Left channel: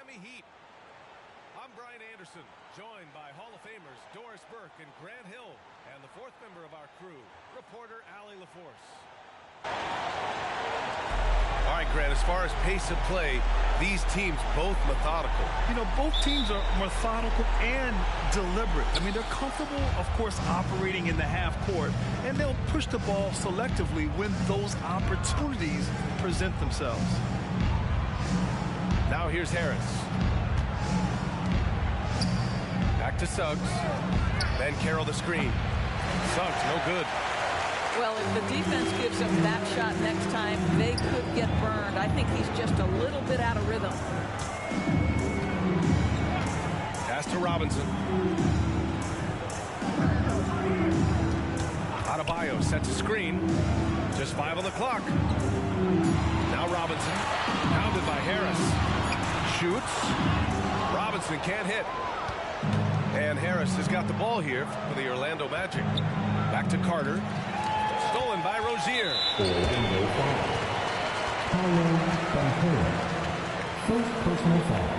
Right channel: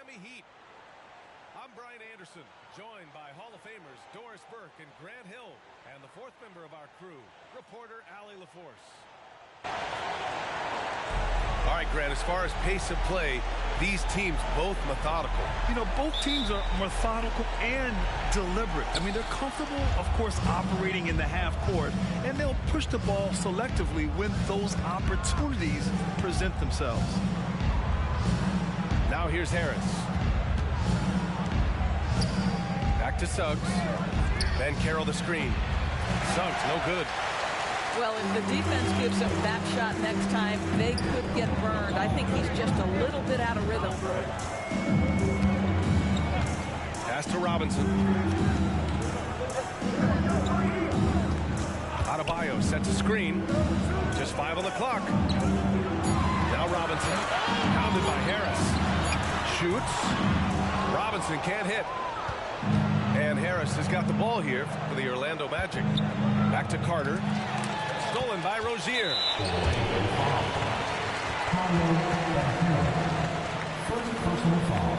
Miami Heat. I'm Brian Anderson, joined by Hall of Famers Doris Burke and Grant Hill, and the fourth member of our crew, reporter Allie LaForce. All right, Grant, as far as pace of play, these teams both methodical. You know, both teams are methodical and deliberate. I mean, they're comfortable, of course, operating in the half court, and they'll push the ball selectively when those opportunities present themselves. Now here's Harris. Back to Suggs. Ben Carroll the screen. Suggs, no good. Well, if the defense gives up that shot next time, they could get burned. I think he's just a little bit out of rhythm. Pass to Robinson. Adebayo sets a screen. Just 5 on the clock. Now Robinson. Pounded by Harris. Shoots. Robinson can't hit. And Harris has got the ball here for the Orlando Magic. Back to Carter. Stolen by Rozier. First personal foul.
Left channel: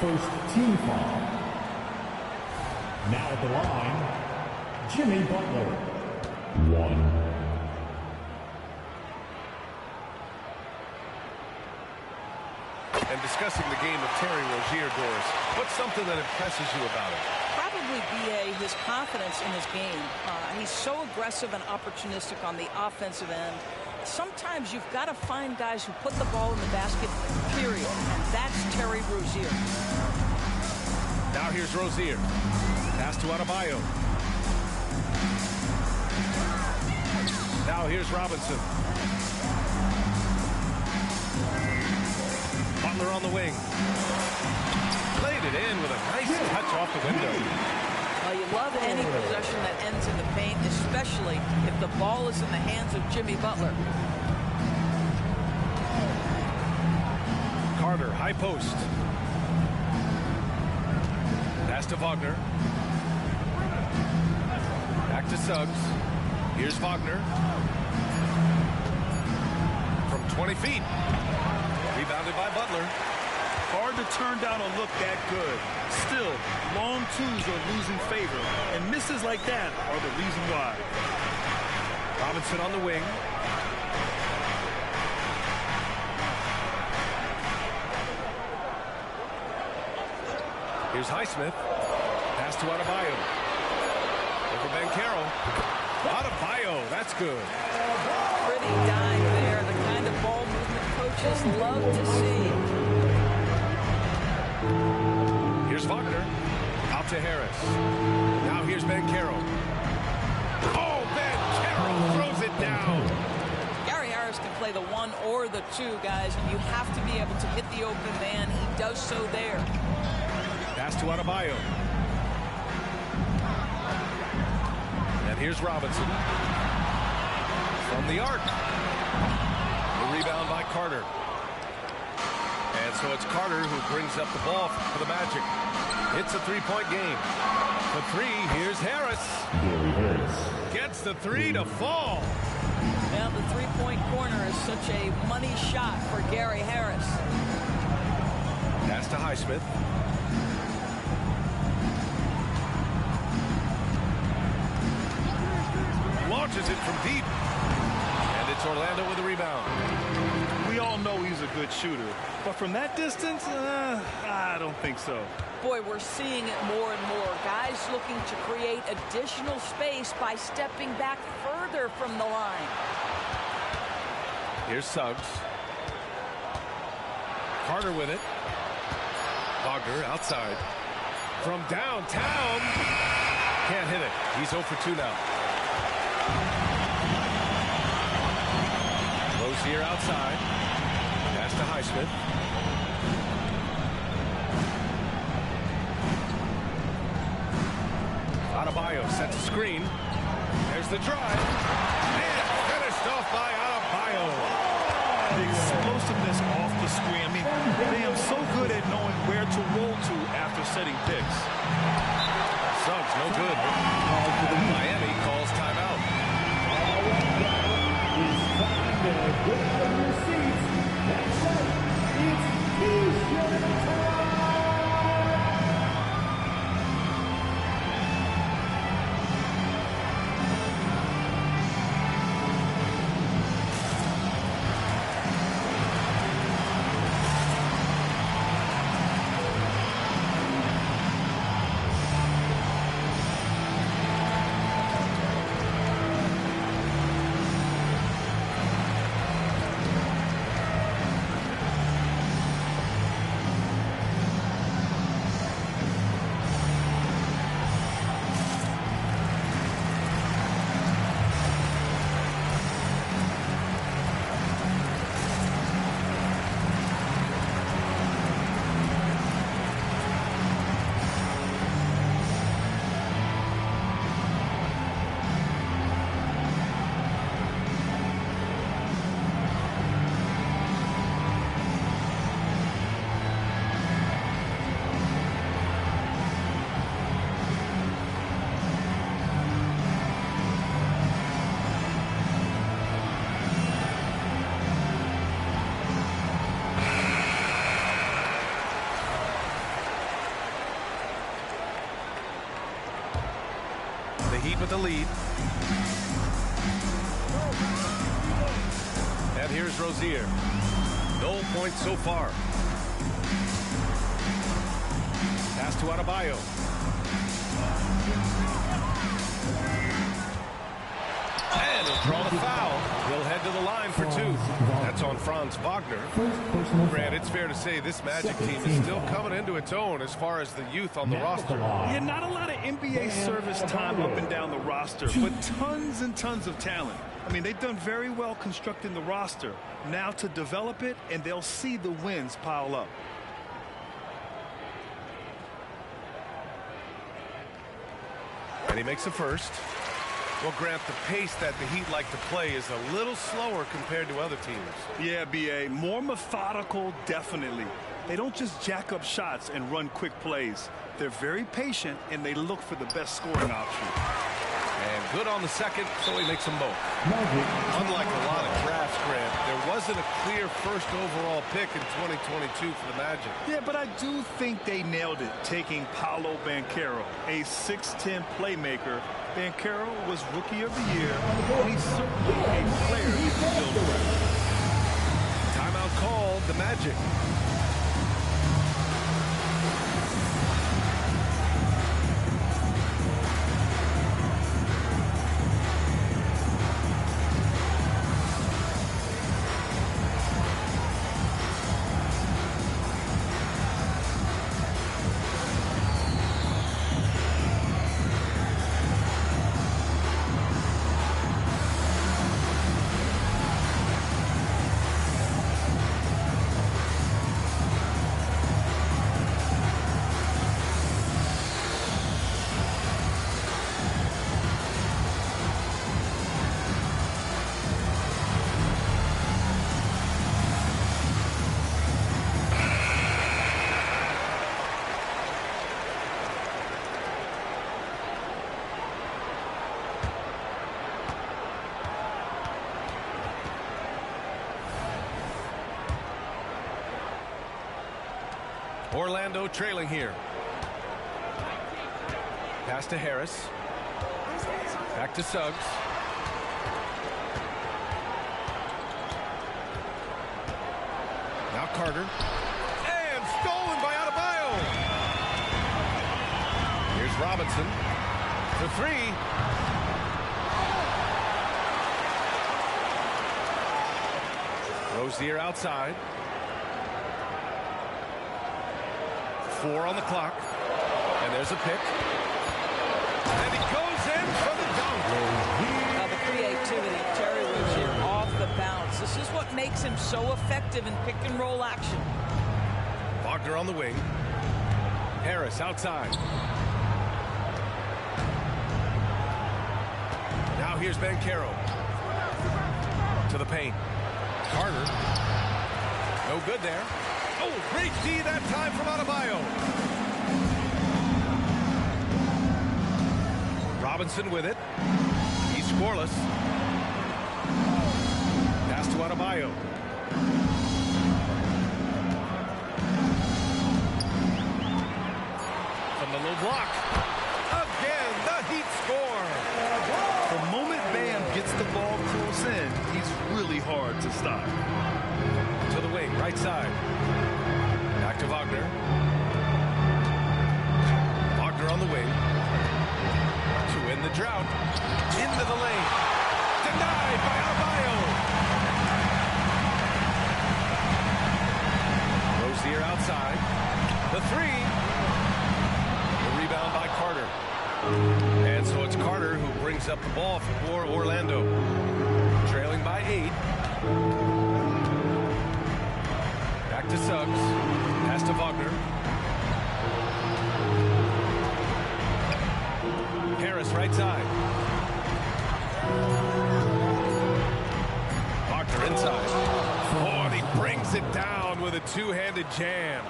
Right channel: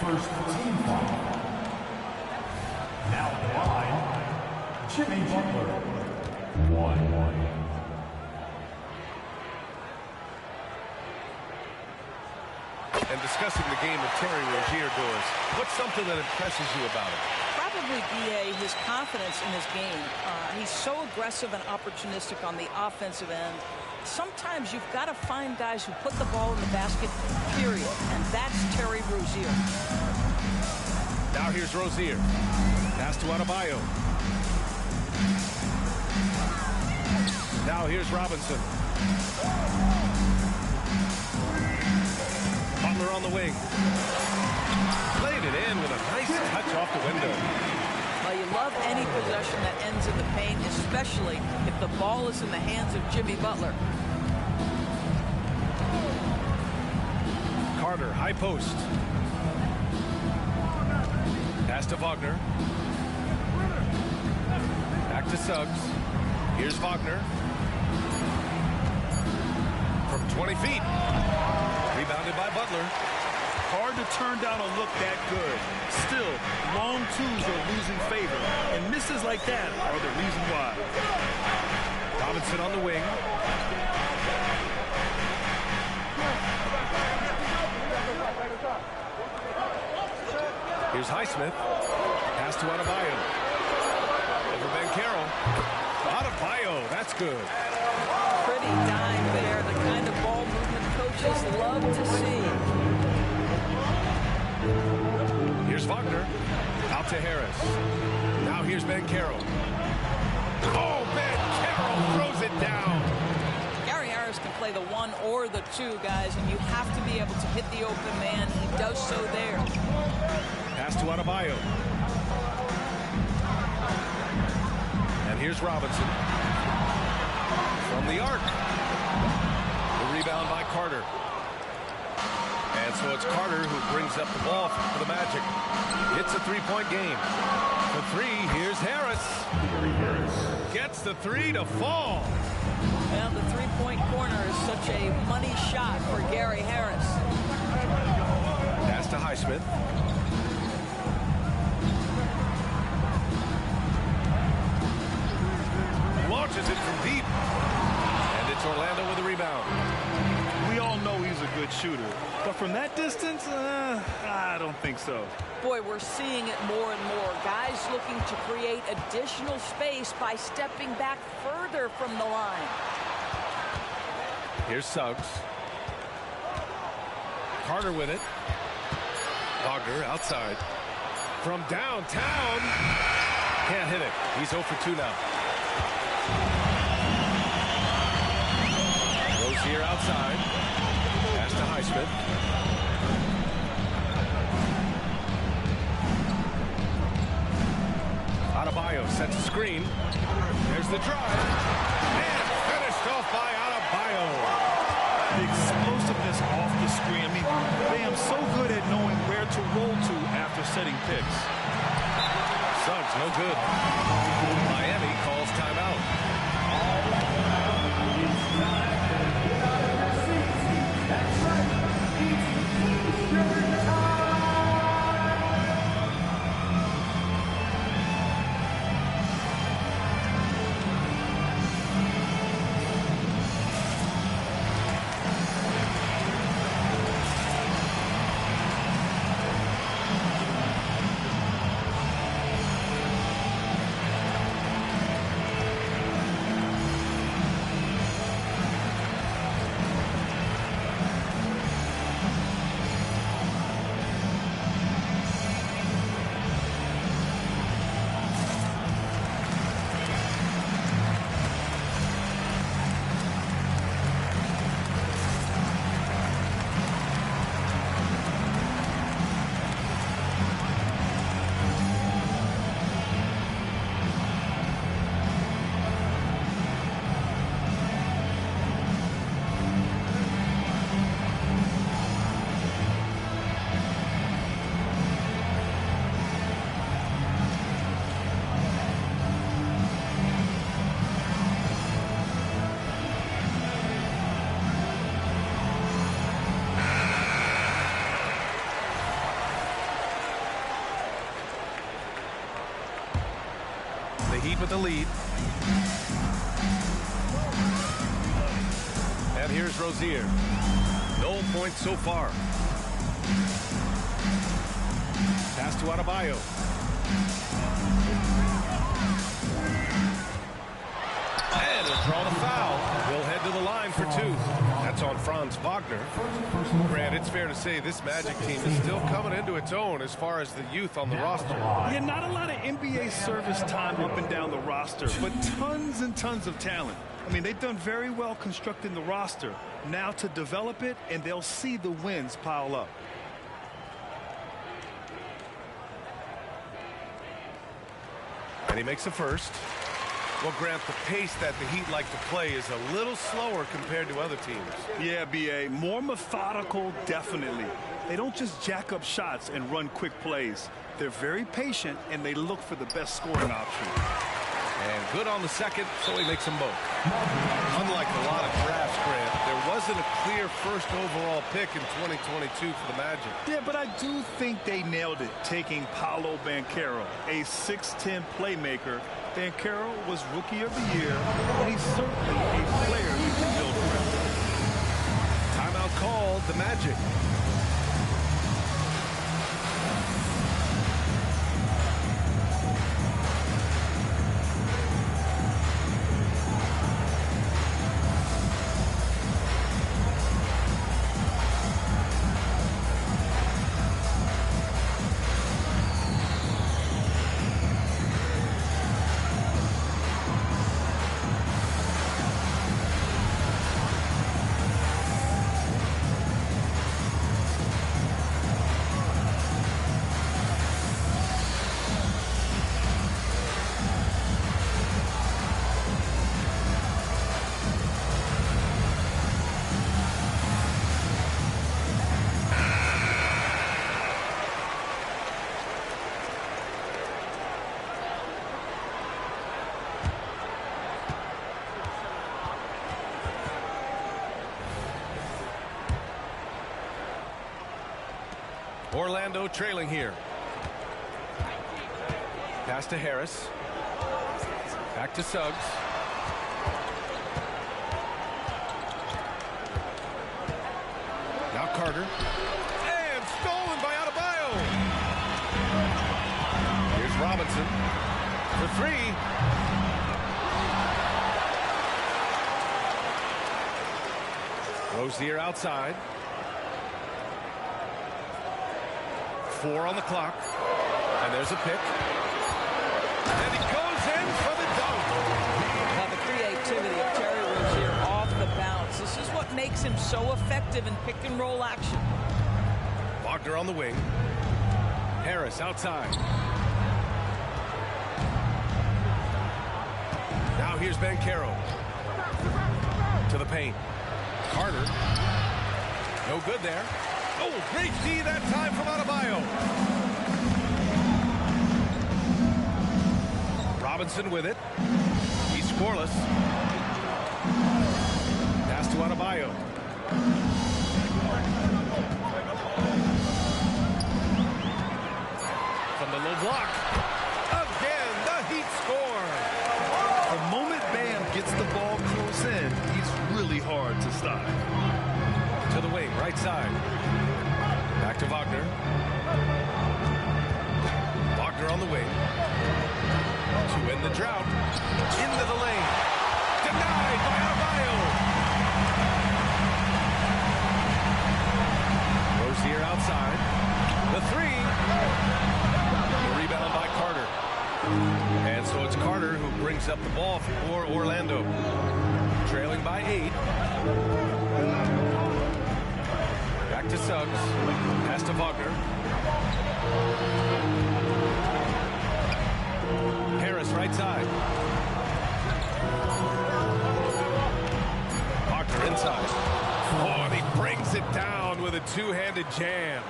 First team foul. Now at the line, Jimmy Butler. 1. And discussing the game of Terry Rozier, Doris, what's something that impresses you about him? Probably, B.A., his confidence in his game. He's so aggressive and opportunistic on the offensive end. Sometimes you've got to find guys who put the ball in the basket, period. And that's Terry Rozier. Now here's Rozier. Pass to Adebayo. Now here's Robinson. Butler on the wing. Played it in with a nice touch off the window. Well, you love any possession that ends in the paint, especially if the ball is in the hands of Jimmy Butler. Carter, high post. Pass to Wagner. Back to Suggs. Here's Wagner. From 20 feet. Rebounded by Butler. Hard to turn down a look that good. Still, long twos are losing favor, and misses like that are the reason why. Robinson on the wing. Here's Highsmith. Pass to Adebayo. Over Ben Carroll. Adebayo, that's good. Pretty dime there, the kind of ball movement coaches love to see. Here's Wagner. Out to Harris. Now here's Ben Carroll. Oh, Ben Carroll throws it down. Gary Harris can play the 1 or the 2, guys, and you have to be able to hit the open man. He does so there. Pass to Adebayo. And here's Robinson. From the arc. The rebound by Carter. And so it's Carter who brings up the ball for the Magic. It's a three-point game. For 3, here's Harris. Gets the 3 to fall. Well, the three-point corner is such a money shot for Gary Harris. Pass to Highsmith. Launches it from deep. And it's Orlando with a rebound. We all know he's a good shooter, but from that distance, I don't think so. Boy, we're seeing it more and more. Guys looking to create additional space by stepping back further from the line. Here's Suggs. Carter with it. Wagner outside. From downtown. Can't hit it. He's 0 for 2 now. Rozier outside. Pass to Highsmith. Adebayo sets a screen. There's the drive. And finished off by Adebayo. The explosiveness off the screen. I mean, Bam's so good at knowing where to roll to after setting picks. Suggs, no good. Miami calls timeout. That's right. It's Eastern time. with the lead. And here's Rozier. No points so far. Pass to Adebayo. And he'll draw the foul. He'll head to the line for two. That's on Franz Wagner. Grant, it's fair to say this Magic team is still coming into its own as far as the youth on the roster. Yeah, not a lot of NBA service time up and down the roster, but tons and tons of talent. I mean, they've done very well constructing the roster. Now to develop it, and they'll see the wins pile up. And he makes the first. Well, Grant, the pace that the Heat like to play is a little slower compared to other teams. Yeah, B.A., more methodical, definitely. They don't just jack up shots and run quick plays. They're very patient, and they look for the best scoring option. And good on the second, so he makes them both. Unlike a lot of drafts, Grant, there wasn't a clear first overall pick in 2022 for the Magic. Yeah, but I do think they nailed it, taking Paolo Banchero, a 6'10 playmaker. Banchero was Rookie of the Year, and he's certainly a player you can build around. Timeout called, the Magic. Orlando trailing here. Pass to Harris. Back to Suggs. Now Carter. And stolen by Adebayo. Here's Robinson for three. Rozier outside. 4 on the clock. And there's a pick. And he goes in for the dunk. Now the creativity of Terry Rozier off the bounce. This is what makes him so effective in pick and roll action. Wagner on the wing. Harris outside. Now here's Banchero. To the paint. Carter. No good there. Oh, great D that time from Adebayo. Robinson with it. He's scoreless. Pass to Adebayo. From the low block. Again, the Heat score. The moment Bam gets the ball close in, he's really hard to stop. To the wing, right side. Back to Wagner. Wagner on the wing. To end the drought. Into the lane. Denied by Adebayo. Rozier outside. The three. The rebound by Carter. And so it's Carter who brings up the ball for Orlando. Trailing by 8. Back to Suggs. Pass to Wagner. Harris right side. Wagner inside. Oh, and he brings it down with a two-handed jam.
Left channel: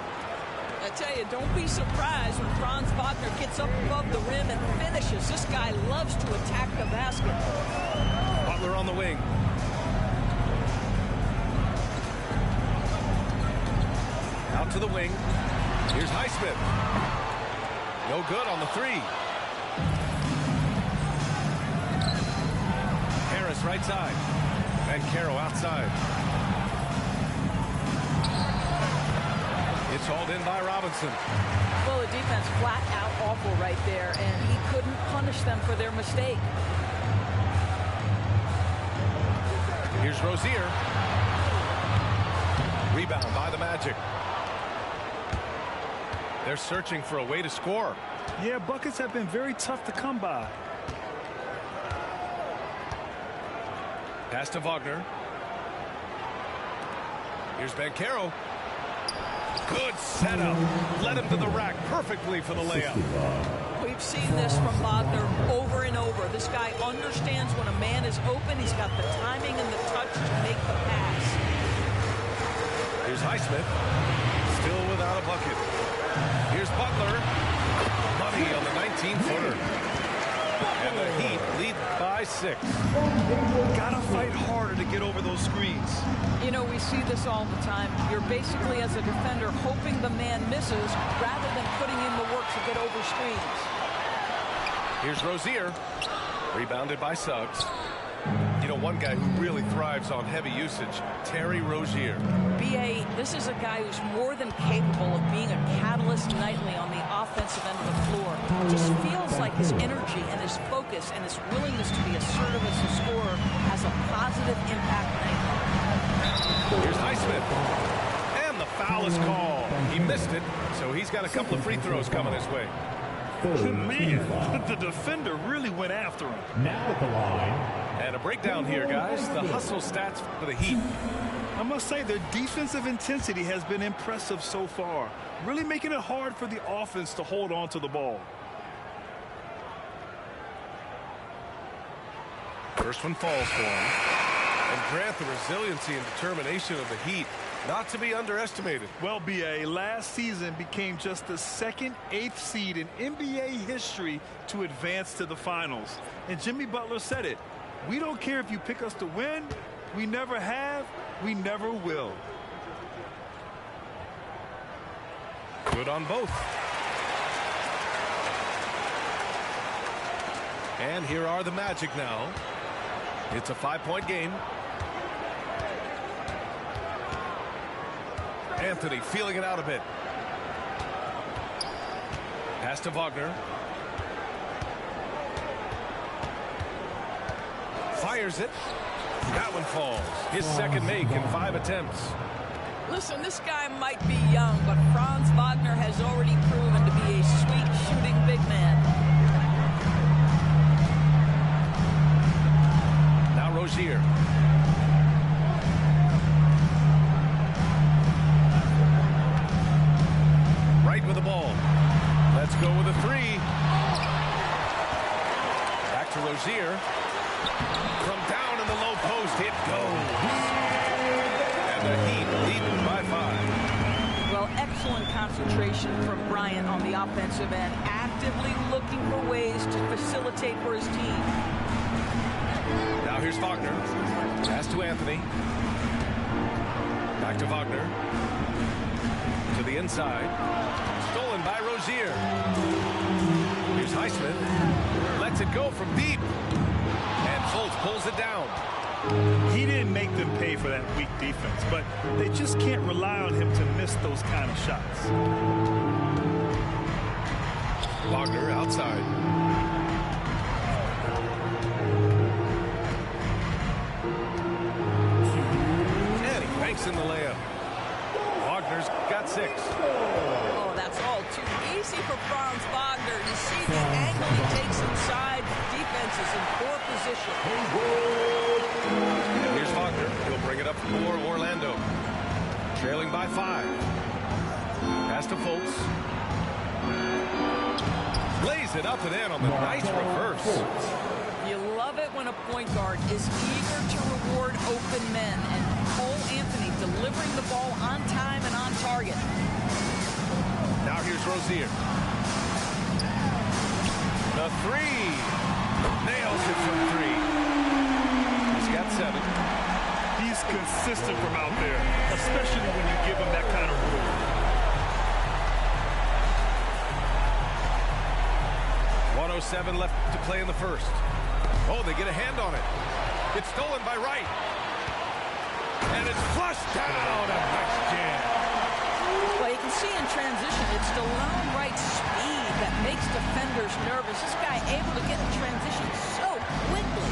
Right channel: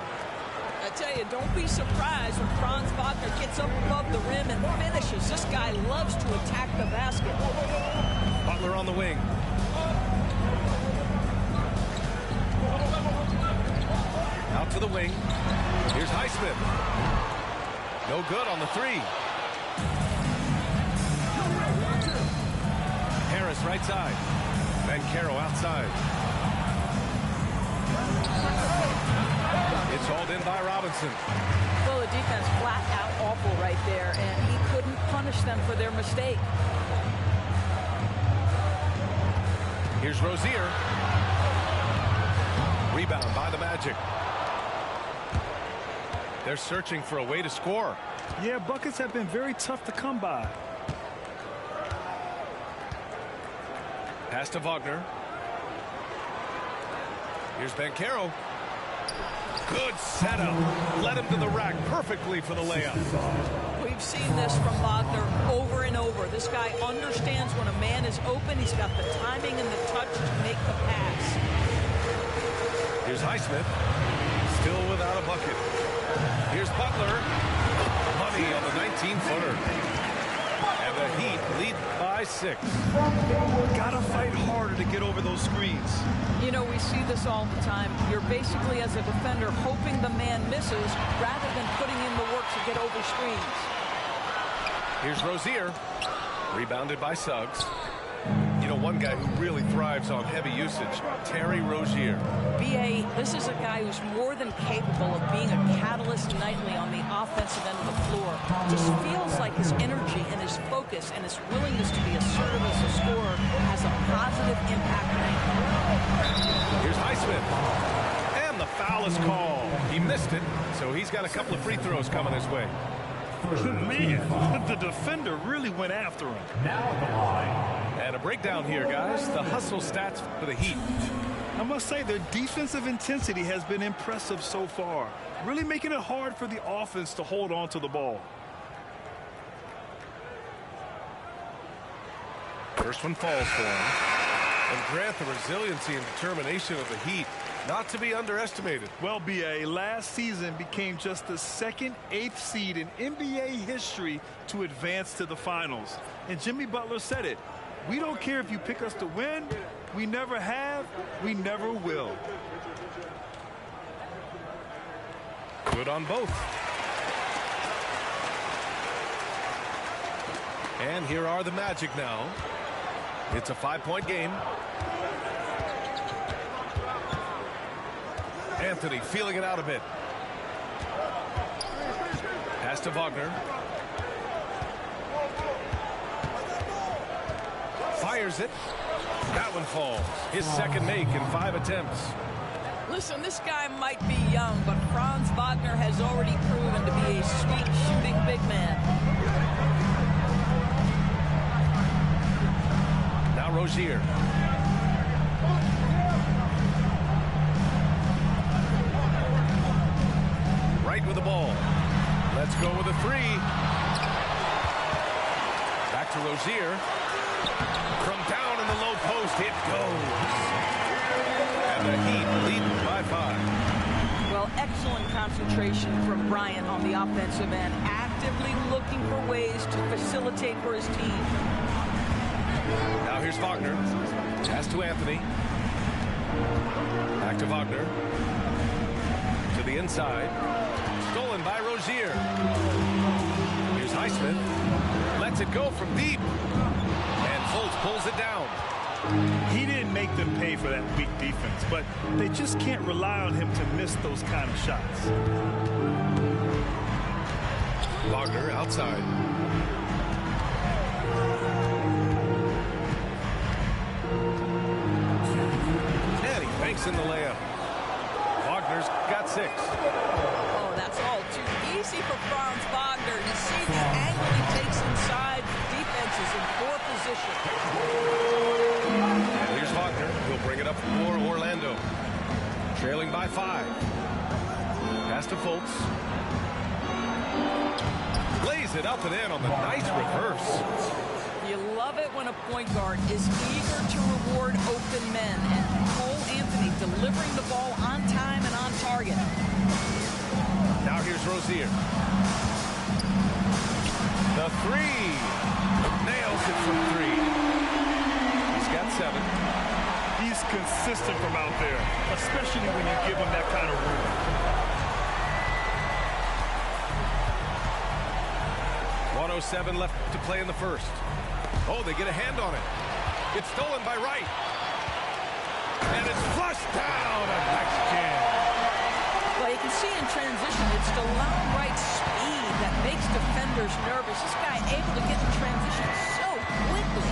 I tell you, don't be surprised when Franz Wagner gets up above the rim and finishes. This guy loves to attack the basket. Butler on the wing. Out to the wing. Here's Highsmith. No good on the three. Harris right side. Bancaro outside. It's hauled in by Robinson. Well, the defense flat out awful right there, and he couldn't punish them for their mistake. Here's Rozier. Rebound by the Magic. They're searching for a way to score. Yeah, buckets have been very tough to come by. Pass to Wagner. Here's Bancaro. Good setup. Led him to the rack perfectly for the layup. We've seen this from Wagner over and over. This guy understands when a man is open. He's got the timing and the touch to make the pass. Here's Highsmith. Still without a bucket. Here's Butler. Money on the 19-footer. And the Heat lead by 6. Gotta fight harder to get over those screens. You know, we see this all the time. You're basically, as a defender, hoping the man misses rather than putting in the work to get over screens. Here's Rozier. Rebounded by Suggs. You know, one guy who really thrives on heavy usage, Terry Rozier. B.A., this is a guy who's more than capable of being a catalyst nightly on the offensive end of the floor. Just feels like his energy and his focus and his willingness to be assertive as a scorer has a positive impact nightly. Here's Highsmith. And the foul is called. He missed it, so he's got a couple of free throws coming his way. Man, the defender really went after him. Now at the line. And a breakdown here, guys. The hustle stats for the Heat. I must say, their defensive intensity has been impressive so far, really making it hard for the offense to hold on to the ball. First one falls for him. And Grant, the resiliency and determination of the Heat, not to be underestimated. Well, B.A., last season became just the second 8th seed in NBA history to advance to the finals. And Jimmy Butler said it. We don't care if you pick us to win. We never have. We never will. Good on both. And here are the Magic now. It's a 5-point game. Anthony feeling it out a bit. Pass to Wagner. Fires it. That one falls. His second make in 5 attempts. Listen, this guy might be young, but Franz Wagner has already proven to be a sweet shooting big man. Now Rozier. Right with the ball. Let's go with a 3. Back to Rozier. From down in the low post, it goes. And the Heat lead by 5. Well, excellent concentration from Bryant on the offensive end, actively looking for ways to facilitate for his team. Now here's Wagner. Pass to Anthony. Back to Wagner. To the inside. Stolen by Rozier. Here's Highsmith. Lets it go from deep. And Fultz pulls it down. He didn't make them pay for that weak defense, but they just can't rely on him to miss those kind of shots. Wagner outside. And he banks in the layup. Wagner's got 6. Oh, that's all too easy for Franz Wagner. You see the angle he takes inside. Defense is in poor position. And here's Wagner. He'll bring it up for Orlando. Trailing by 5. Pass to Fultz. Lays it up and in on the nice reverse. You love it when a point guard is eager to reward open men, and Cole Anthony delivering the ball on time and on target. Now here's Rozier. The 3. Nails it from 3. He's got 7. He's consistent from out there, especially when you give him that kind of room. 1:07 left to play in the first. Oh, they get a hand on it. It's stolen by Wright. And it's flushed down. A nice jam. Well, you can see in transition, it's DeLon Wright's speed that makes defenders nervous. This guy able to get in transition so quickly.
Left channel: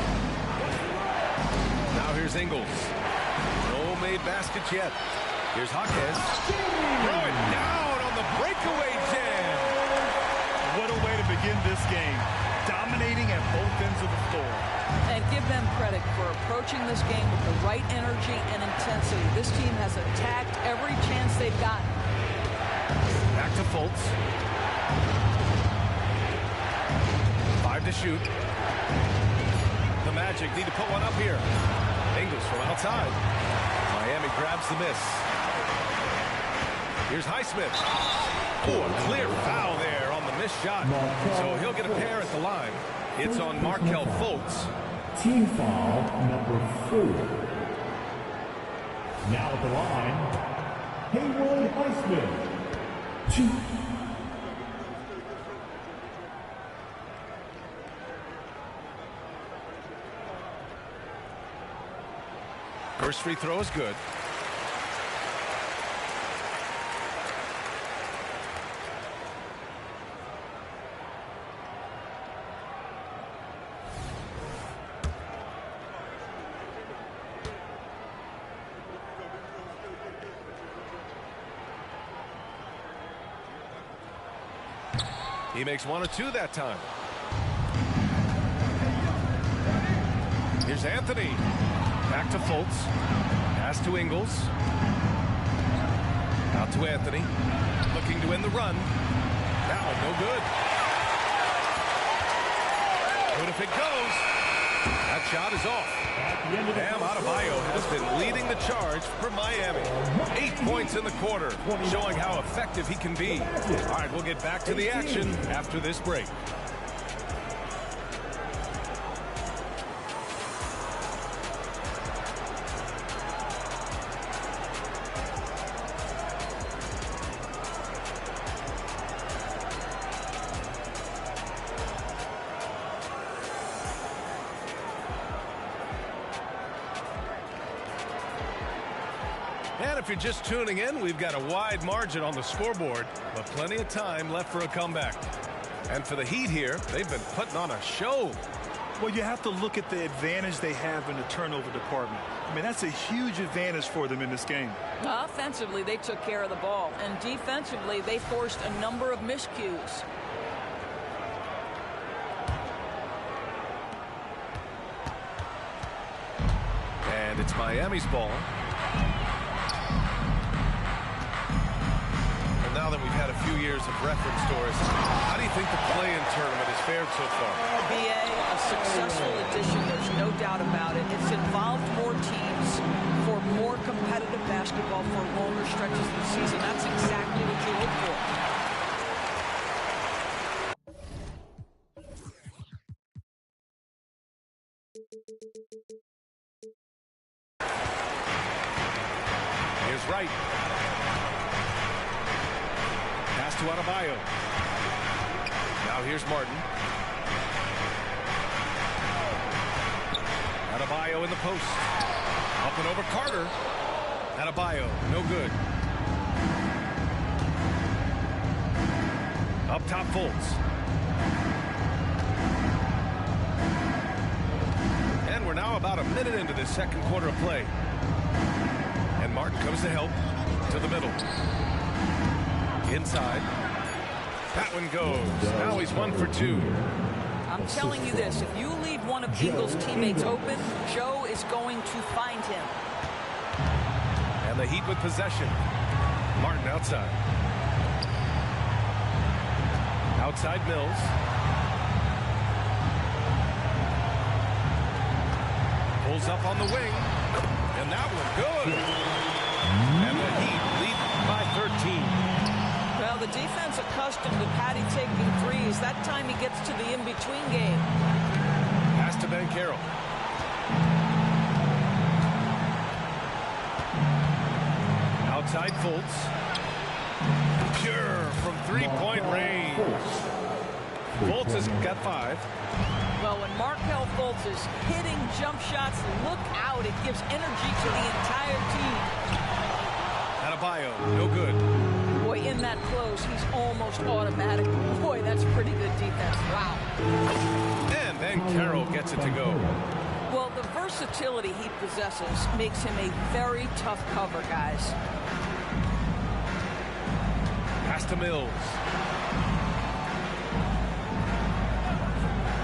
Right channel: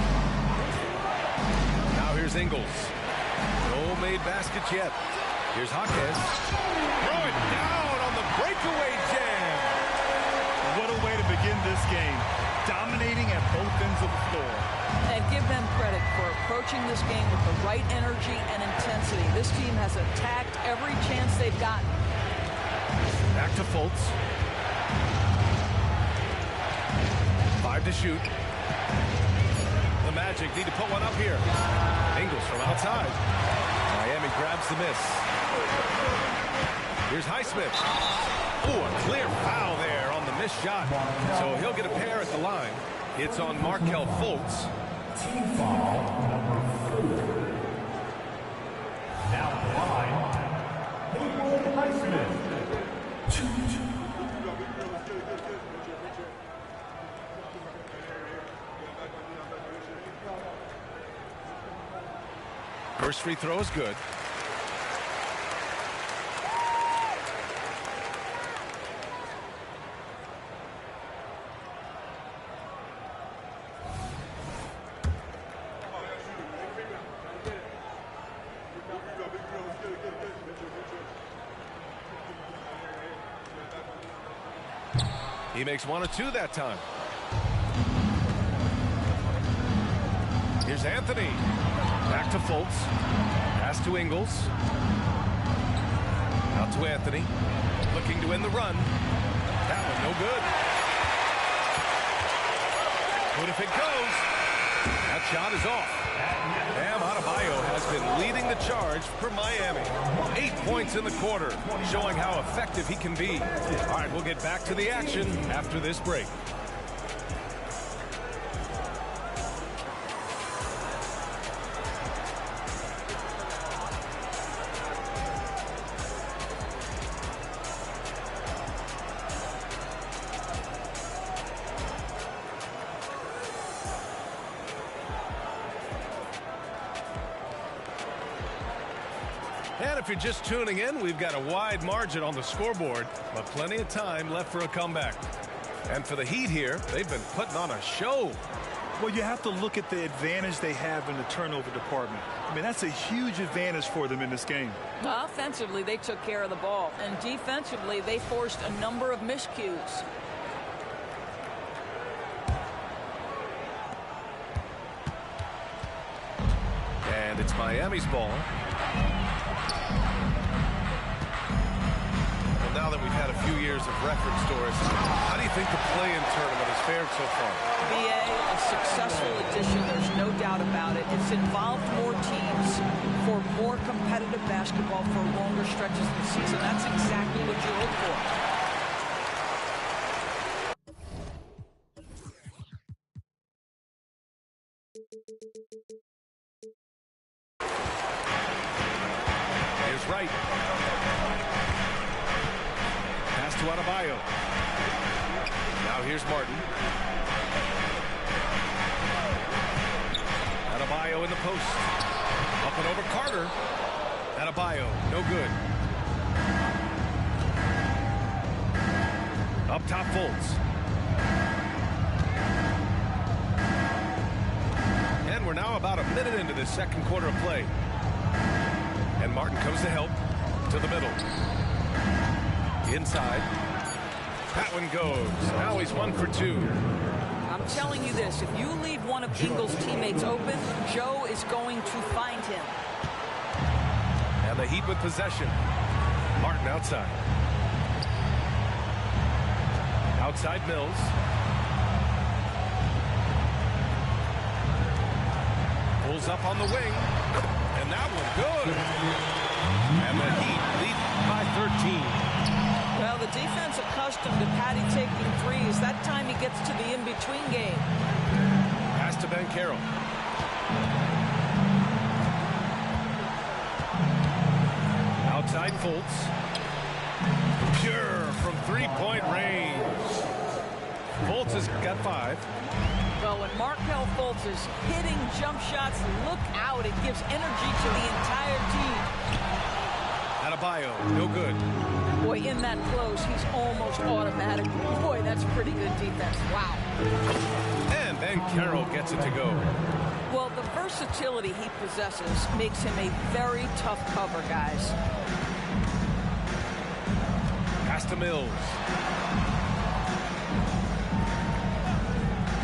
Now here's Ingles. No made baskets yet. Here's Jaquez. Throw it down on the breakaway jam. What a way to begin this game. Dominating at both ends of the floor. And give them credit for approaching this game with the right energy and intensity. This team has attacked every chance they've gotten. Back to Fultz. 5 to shoot. The Magic need to put one up here. Ingles from outside. Miami grabs the miss. Here's Highsmith. Oh, a clear foul there on the missed shot. So he'll get a pair at the line. It's on Markelle Fultz. Team foul number 4. Now at the line, Haywood Highsmith. 2. First free throw is good. He makes 1 or 2 that time. Here's Anthony. Back to Fultz. Pass to Ingles. Out to Anthony. Looking to win the run. That one no good. Good if it goes. That shot is off. Bam Adebayo has been leading the charge for Miami. 8 points in the quarter, showing how effective he can be. All right, we'll get back to the action after this break. And if you're just tuning in, we've got a wide margin on the scoreboard, but plenty of time left for a comeback. And for the Heat here, they've been putting on a show. Well, you have to look at the advantage they have in the turnover department. I mean, that's a huge advantage for them in this game. Offensively, they took care of the ball. And defensively, they forced a number of miscues. And it's Miami's ball. Now that we've had a few years of reference, Doris, how do you think the play-in tournament has fared so far? BA, a successful addition, there's no doubt about it. It's involved more teams for more competitive basketball for longer stretches of the season. That's exactly what you hope for. Here's Wright. Pass to Adebayo. Now here's Martin. Adebayo in the post. Up and over Carter. Adebayo, no good. Up top, Fultz. And we're now about a minute into this second quarter of play. And Martin comes to help to the middle. Inside. That one goes. Now he's 1 for 2. I'm telling you this, if you leave one of Ingles' teammates open, Joe is going to find him. And the Heat with possession. Martin outside. Outside Mills. Pulls up on the wing. And that one good. And the Heat lead by 13. Well, the defense accustomed to Patty taking threes. That time he gets to the in-between game. Pass to Banchero. Outside Fultz. Pure from three-point range. Fultz has got 5. Well, when Markelle Fultz is hitting jump shots, look out. It gives energy to the entire team. Adebayo, no good. Boy, in that close, he's almost automatic. Boy, that's pretty good defense. Wow. And then Carroll gets it to go. Well, the versatility he possesses makes him a very tough cover, guys. Pass to Mills.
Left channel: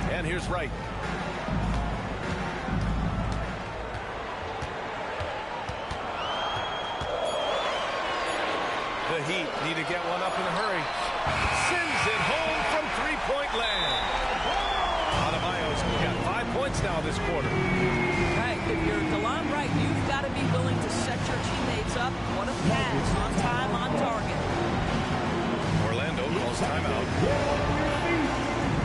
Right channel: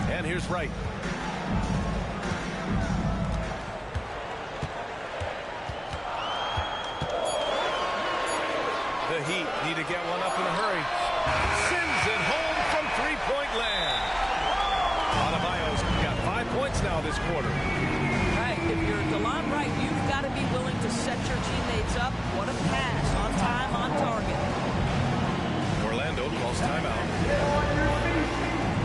And here's Wright. The Heat need to get one up in a hurry. Sends it home from three-point land. Adebayo's got 5 points now this quarter. Right, if you're DeLon Wright, you've got to be willing to set your teammates up. What a pass, on time, on target. Orlando calls timeout. Get on your feet.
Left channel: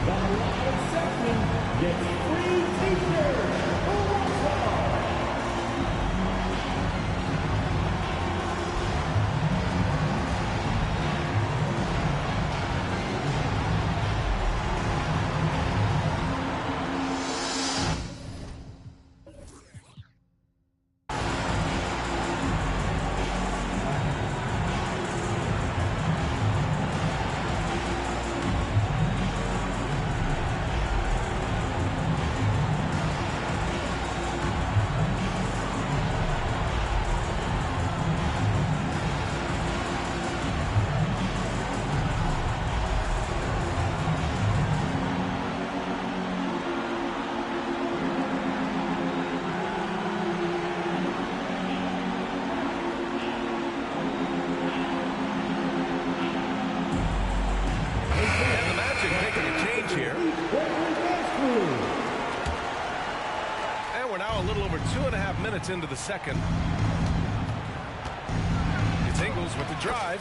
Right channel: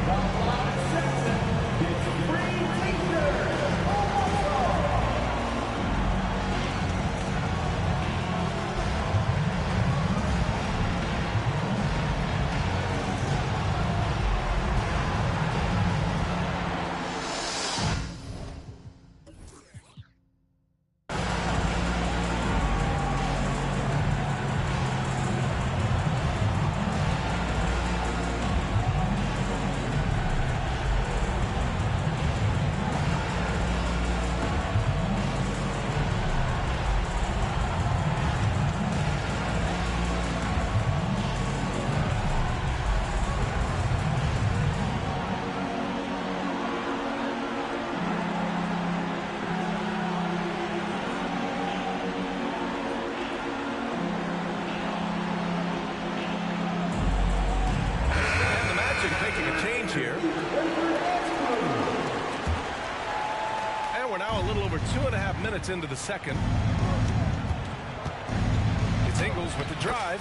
Number 1 Simpson gets free t-shirt. Making a change here. And we're now a little over 2.5 minutes into the second. It's Ingles with the drive.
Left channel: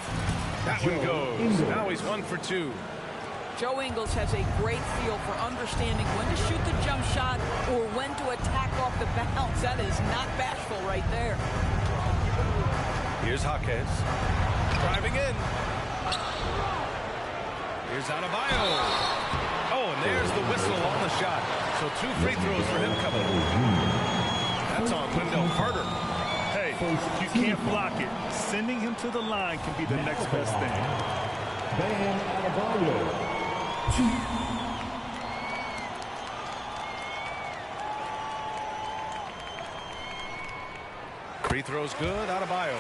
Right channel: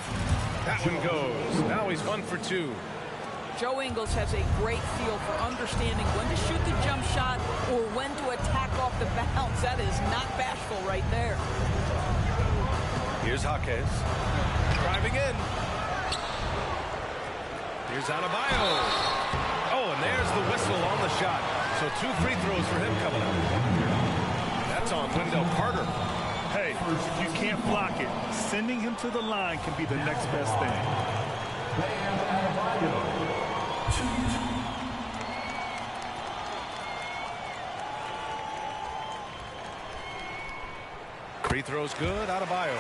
That one goes. Now he's 1 for 2. Joe Ingles has a great feel for understanding when to shoot the jump shot or when to attack off the bounce. That is not bashful right there. Here's Jaquez. Driving in. Here's Adebayo. Oh, and there's the whistle on the shot. So 2 free throws for him coming up. That's on Wendell Carter. Hey, if you can't block it, sending him to the line can be the next best thing. Bam Adebayo. Free throws good, Adebayo.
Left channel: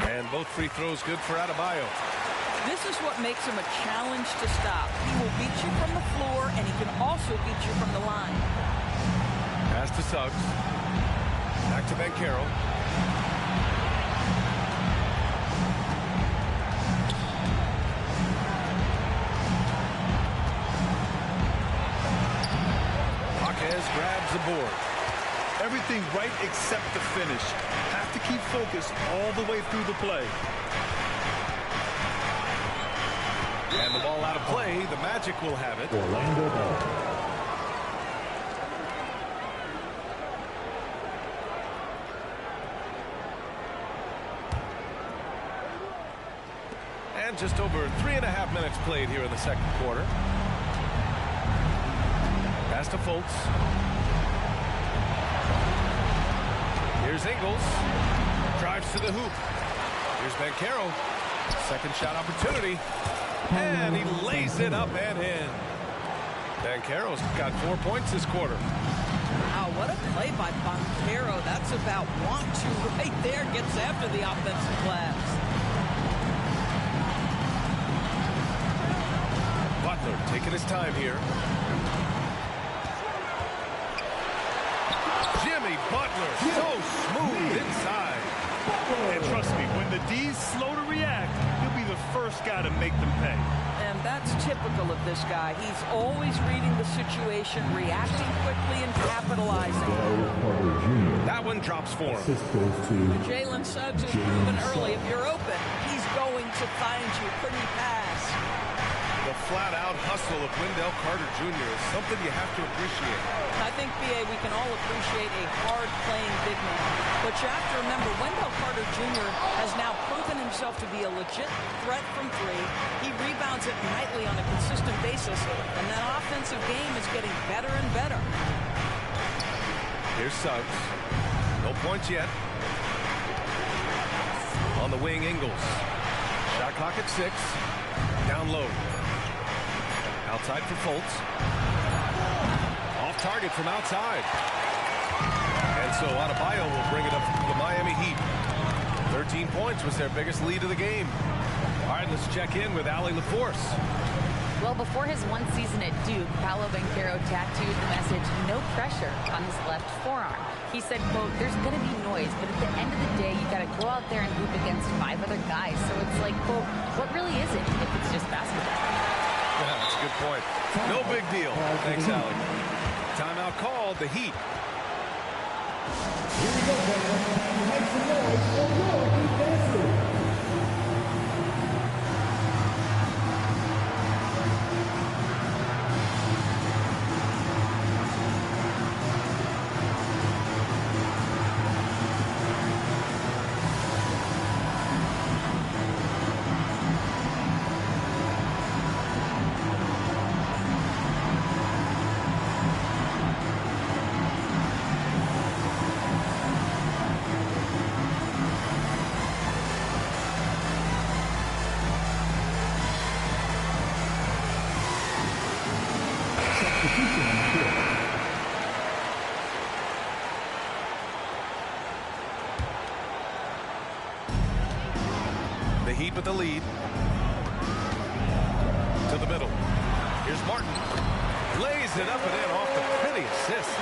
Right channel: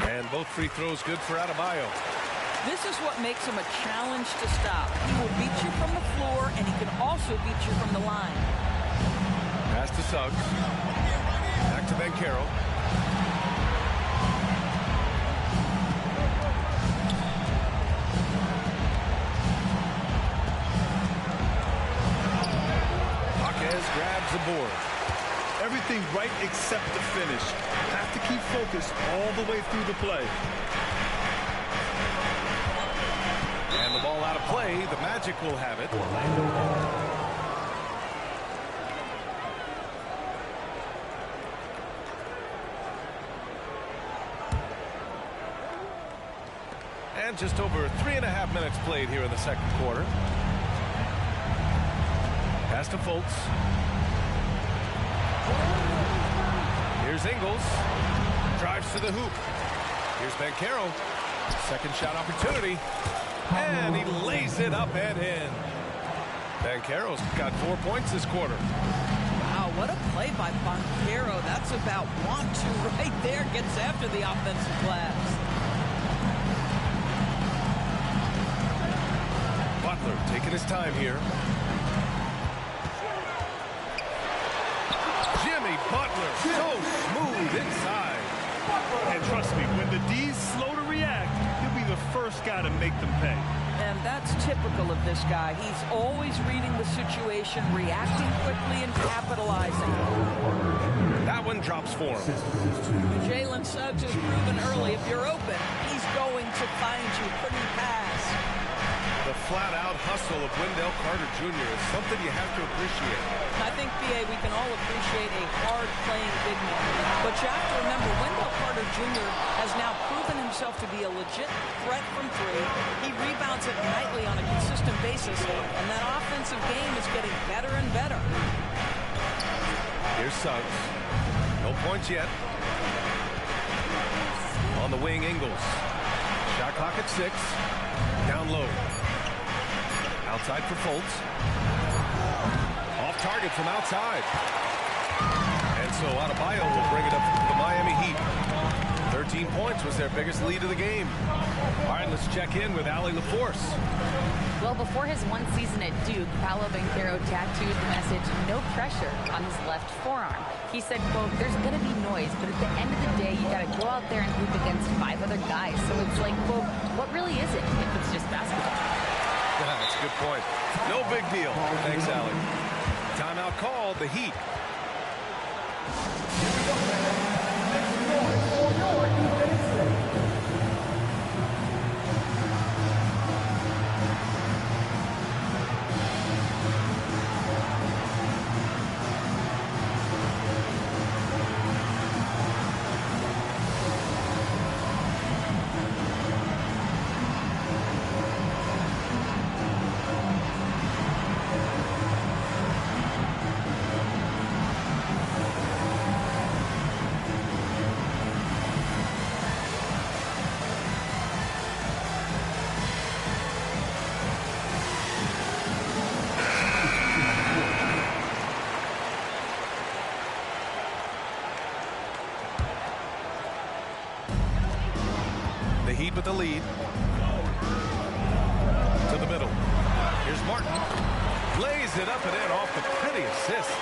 And both free throws good for Adebayo. This is what makes him a challenge to stop. He will beat you from the floor, and he can also beat you from the line. Pass to Suggs. Back to Banchero. Jaquez grabs the board. Everything right except the finish. Have to keep focused all the way through the play. And the ball out of play. The Magic will have it. Orlando ball. And just over 3.5 minutes played here in the second quarter. Pass to Fultz. Here's Ingles. Drives to the hoop. Here's Banchero. Second shot opportunity. And he lays it up and in. Banchero's got 4 points this quarter. Wow, what a play by Banchero. That's about want to right there. Gets after the offensive glass. Butler taking his time here. Jimmy Butler, so smooth inside. And trust me, when the D's slow to react, he'll be the first guy to make them pay. And that's typical of this guy. He's always reading the situation, reacting quickly, and capitalizing. That one drops for him. Jalen Suggs has proven early, if you're open, he's going to find you. Pretty pass. The flat-out hustle of Wendell Carter Jr. is something you have to appreciate. I think, B.A., we can all appreciate a hard-playing big man. But you have to remember, Wendell Carter Jr. has now proven himself to be a legit threat from three. He rebounds it nightly on a consistent basis, and that offensive game is getting better and better. Here's Suggs. No points yet. On the wing, Ingles. Shot clock at 6. Down low. Outside for Fultz. Off target from outside. And so Adebayo will bring it up to the Miami Heat. 13 points was their biggest lead of the game. All right, let's check in with Allie LaForce. Well, before his one season at Duke, Paolo Banchero tattooed the message, "No pressure," on his left forearm. He said, quote, "There's going to be noise, but at the end of the day, you got to go out there and hoop against 5 other guys. So it's like, quote, what really is it if it's just basketball?" Yeah, that's a good point. No big deal. Thanks, Allie. Timeout called, the Heat. Here we go, man. Make some noise for your defense. The Heat with the lead. To the middle. Here's Martin. Lays it up and in off the pretty assist.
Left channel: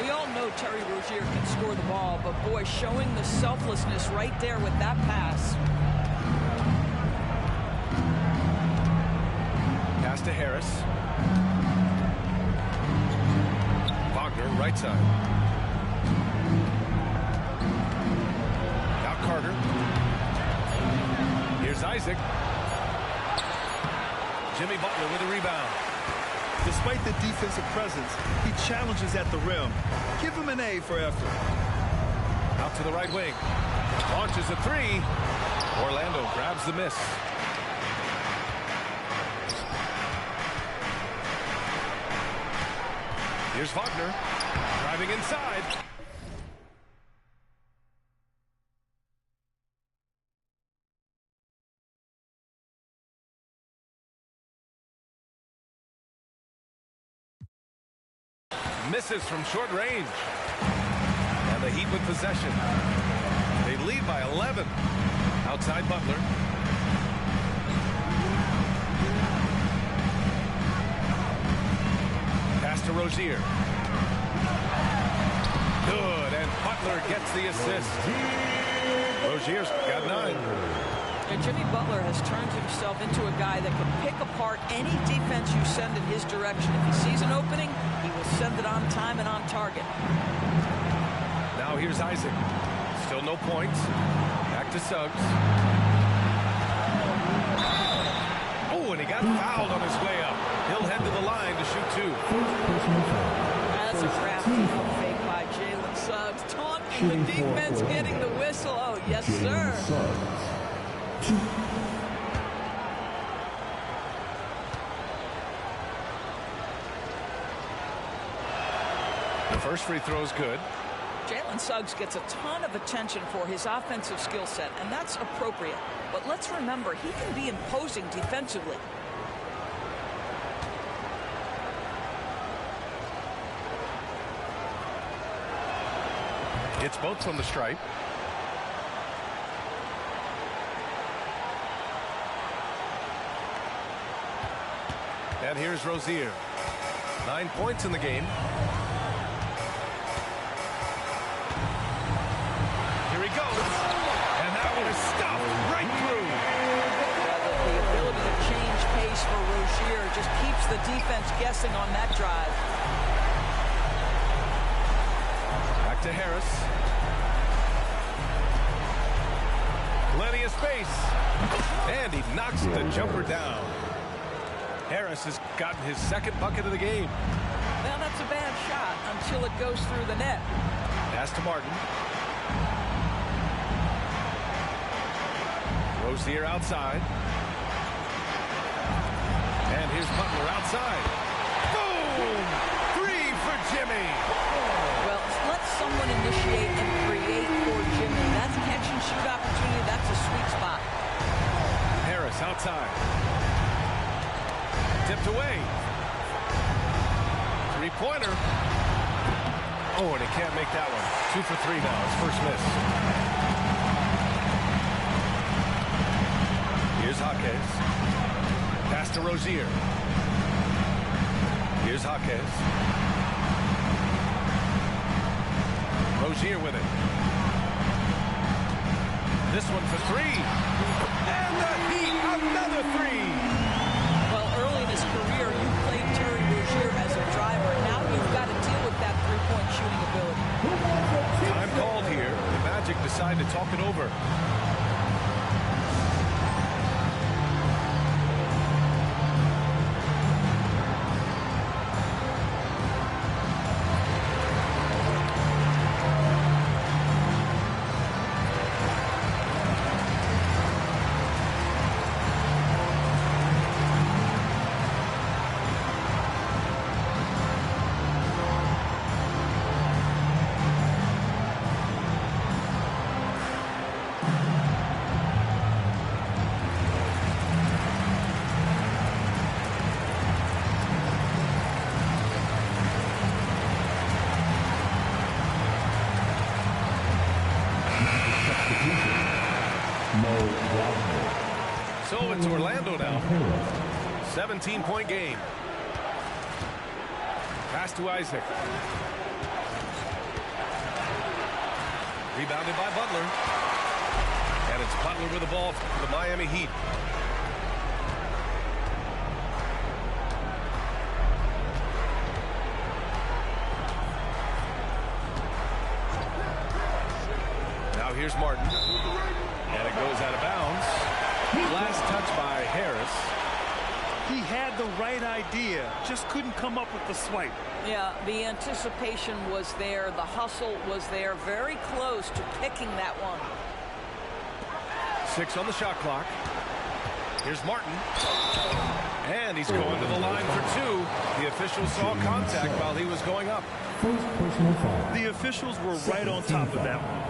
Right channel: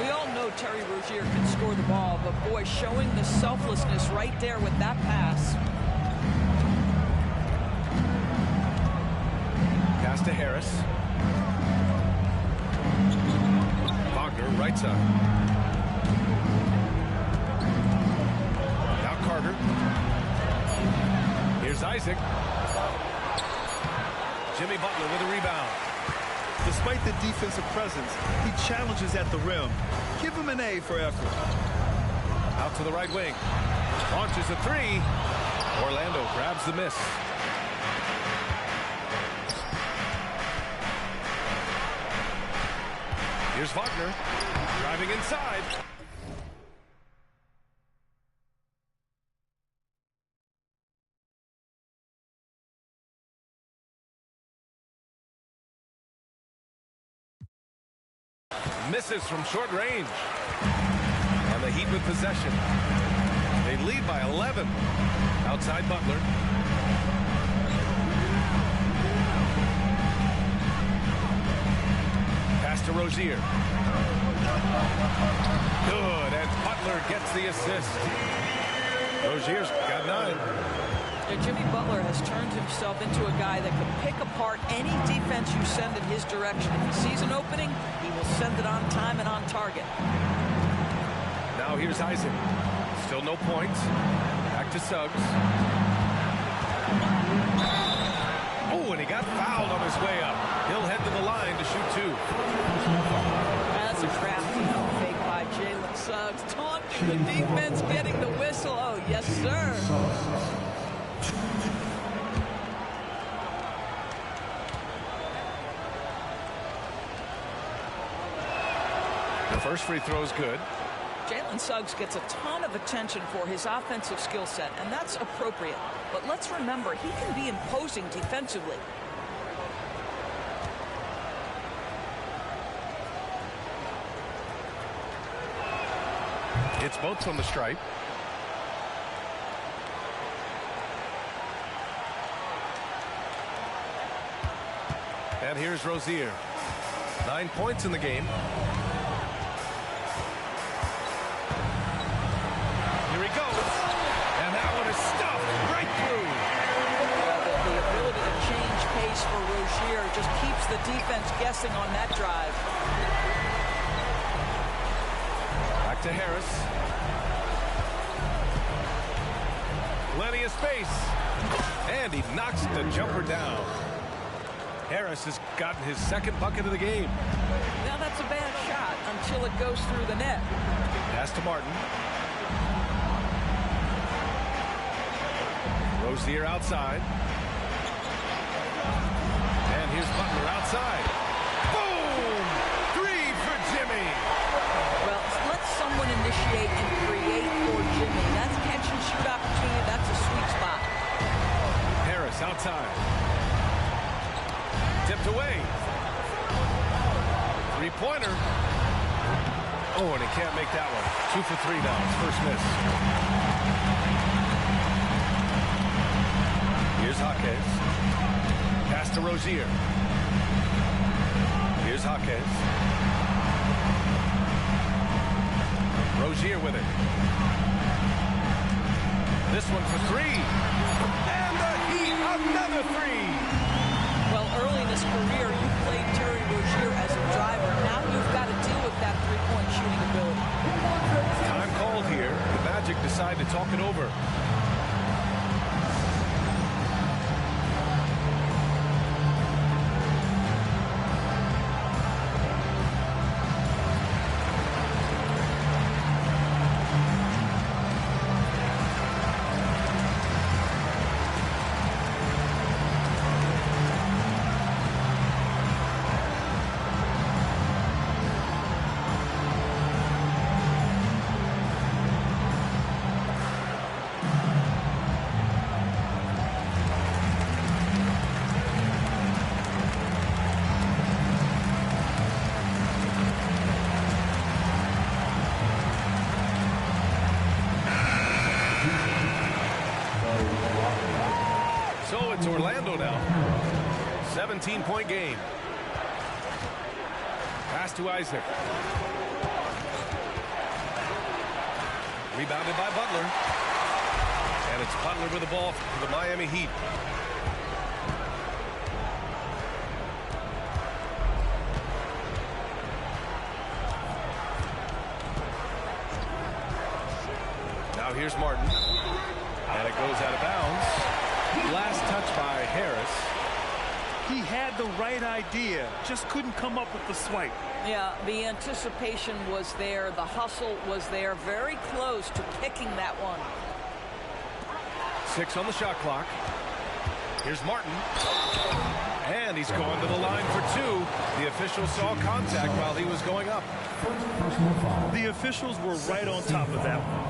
We all know Terry Rozier can score the ball, but boy, showing the selflessness right there with that pass. Pass to Harris. Wagner, right side. Now Carter. Here's Isaac. Jimmy Butler with a rebound. Despite the defensive presence, he challenges at the rim. Give him an A for effort. Out to the right wing. Launches a three. Orlando grabs the miss. Here's Wagner. Driving inside. Misses from short range. And the Heat with possession. They lead by 11. Outside Butler. Pass to Rozier. Good, and Butler gets the assist. Rozier's got 9. Yeah, Jimmy Butler has turned himself into a guy that can pick apart any defense you send in his direction. If he sees an opening, he will send it on time and on target. Now here's Isaac. Still no points. Back to Suggs. Oh, and he got fouled on his way up. He'll head to the line to shoot 2. That's a crafty fake by Jalen Suggs. Taunting the defense, getting the whistle. Oh, yes, sir. The first free throw is good. Jalen Suggs gets a ton of attention for his offensive skill set, and that's appropriate. But let's remember, he can be imposing defensively. It's both from the stripe. And here's Rozier. 9 points in the game. Here he goes. And that one is stuffed right through. Yeah, the ability to change pace for Rozier just keeps the defense guessing on that drive. Back to Harris. Plenty of space. And he knocks the jumper down. Harris has gotten his second bucket of the game. Well, that's a bad shot until it goes through the net. Pass to Martin. Rozier outside. And here's Butler outside. Boom! 3 for Jimmy. Well, let someone initiate and create for Jimmy. That's catch and shoot opportunity. That's a sweet spot. Harris outside. Tipped away. Three-pointer. Oh, and he can't make that one. 2 for 3 now. His first miss. Here's Jaquez. Pass to Rozier. Here's Jaquez. Rozier with it. This one for 3. And the Heat, another 3. Well, early in his career, you played Terry Rozier as a driver. Now you've got to deal with that three-point shooting ability. Time called here. The Magic decide to talk it over. So it's Orlando now. 17-point game. Pass to Isaac. Rebounded by Butler. And it's Butler with the ball for the Miami Heat. Now here's Martin. And it goes out of bounds. Last touch by Harris. He had the right idea, just couldn't come up with the swipe. Yeah, the anticipation was there. The hustle was there. Very close to picking that one. 6 on the shot clock. Here's Martin. And he's going to the line for 2. The official saw contact while he was going up. The officials were right on top of that one.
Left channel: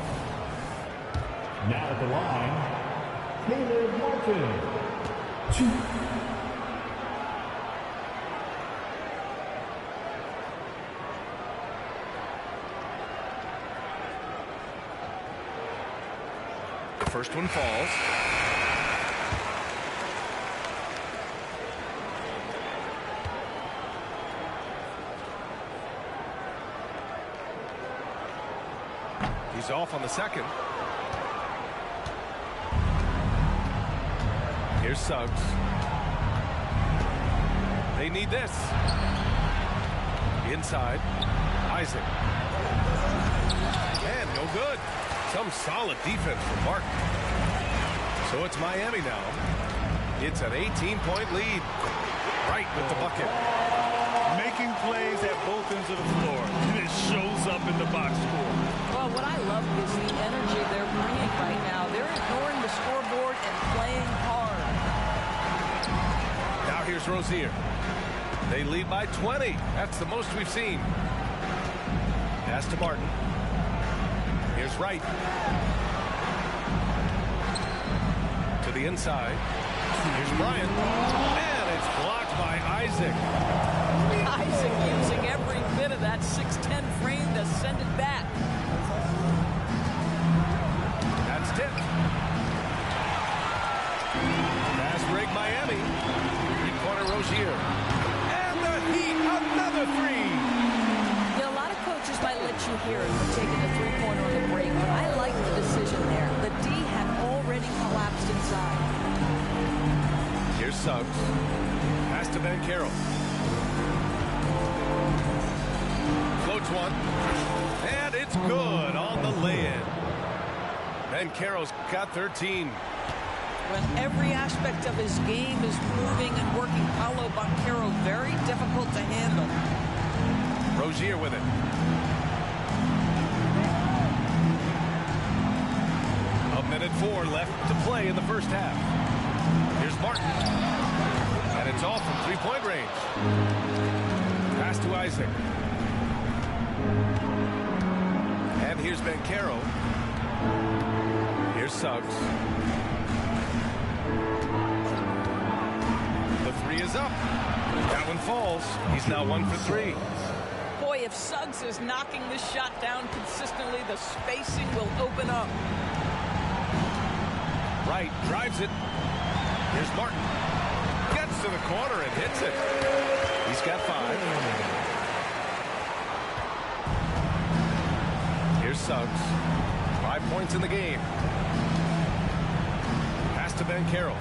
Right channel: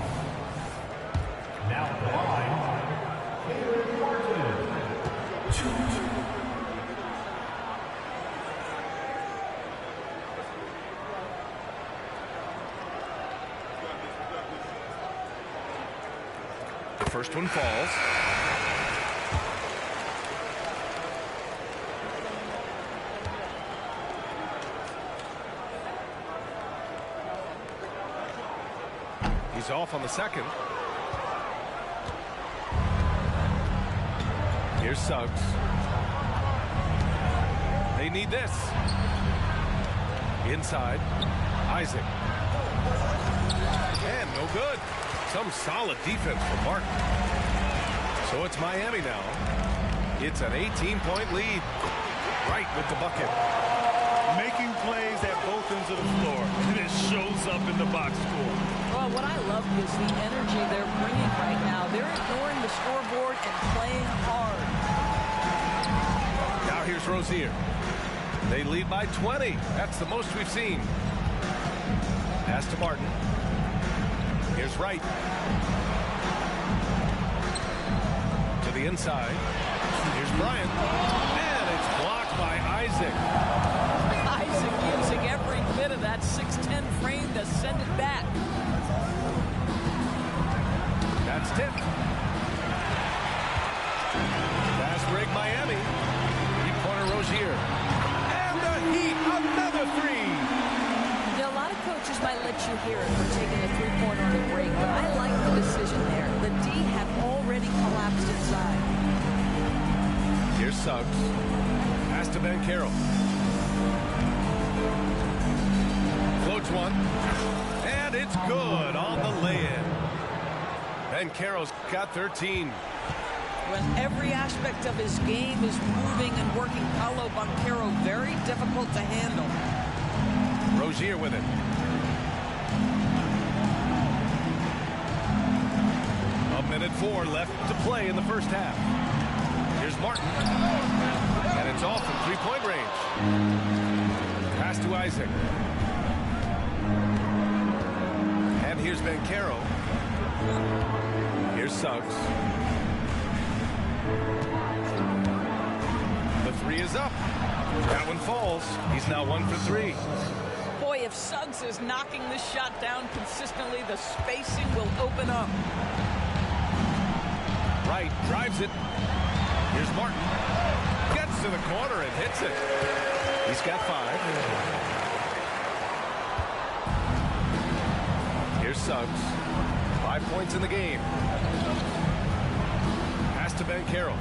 Now at the line, Caleb Martin. 2. The first one falls. He's off on the second. Here's Suggs. They need this. Inside. Isaac. And no good. Some solid defense from Martin. So it's Miami now. It's an 18-point lead. Right with the bucket. Making plays at both ends of the floor, and it shows up in the box score. Well, what I love is the energy they're bringing right now. They're ignoring the scoreboard and playing hard. Now here's Rozier. They lead by 20. That's the most we've seen. Pass to Martin. Here's Wright. To the inside. Here's Bryant. And it's blocked by Isaac. Isaac using every bit of that 6'10" frame to send it back. That's tipped. Fast break Miami. Three-pointer Rozier. And the Heat, another 3. Now, a lot of coaches might let you hear it for taking a three-pointer on the break, but I like the decision there. The D had already collapsed inside. Here's Suggs. Pass to Banchero. Floats one. And it's good on the lay-in. Banchero's got 13. When every aspect of his game is moving and working, Paolo Banchero very difficult to handle. Rozier with it. A minute 4 left to play in the first half. Here's Martin. And it's off from three-point range. Pass to Isaac. And here's Banchero. Here's Suggs. The three is up. That one falls. He's now 1 for 3. Boy, if Suggs is knocking this shot down consistently, the spacing will open up. Wright drives it. Here's Martin. Gets to the corner and hits it. He's got 5. Here's Suggs. 5 points in the game. Pass to Banchero.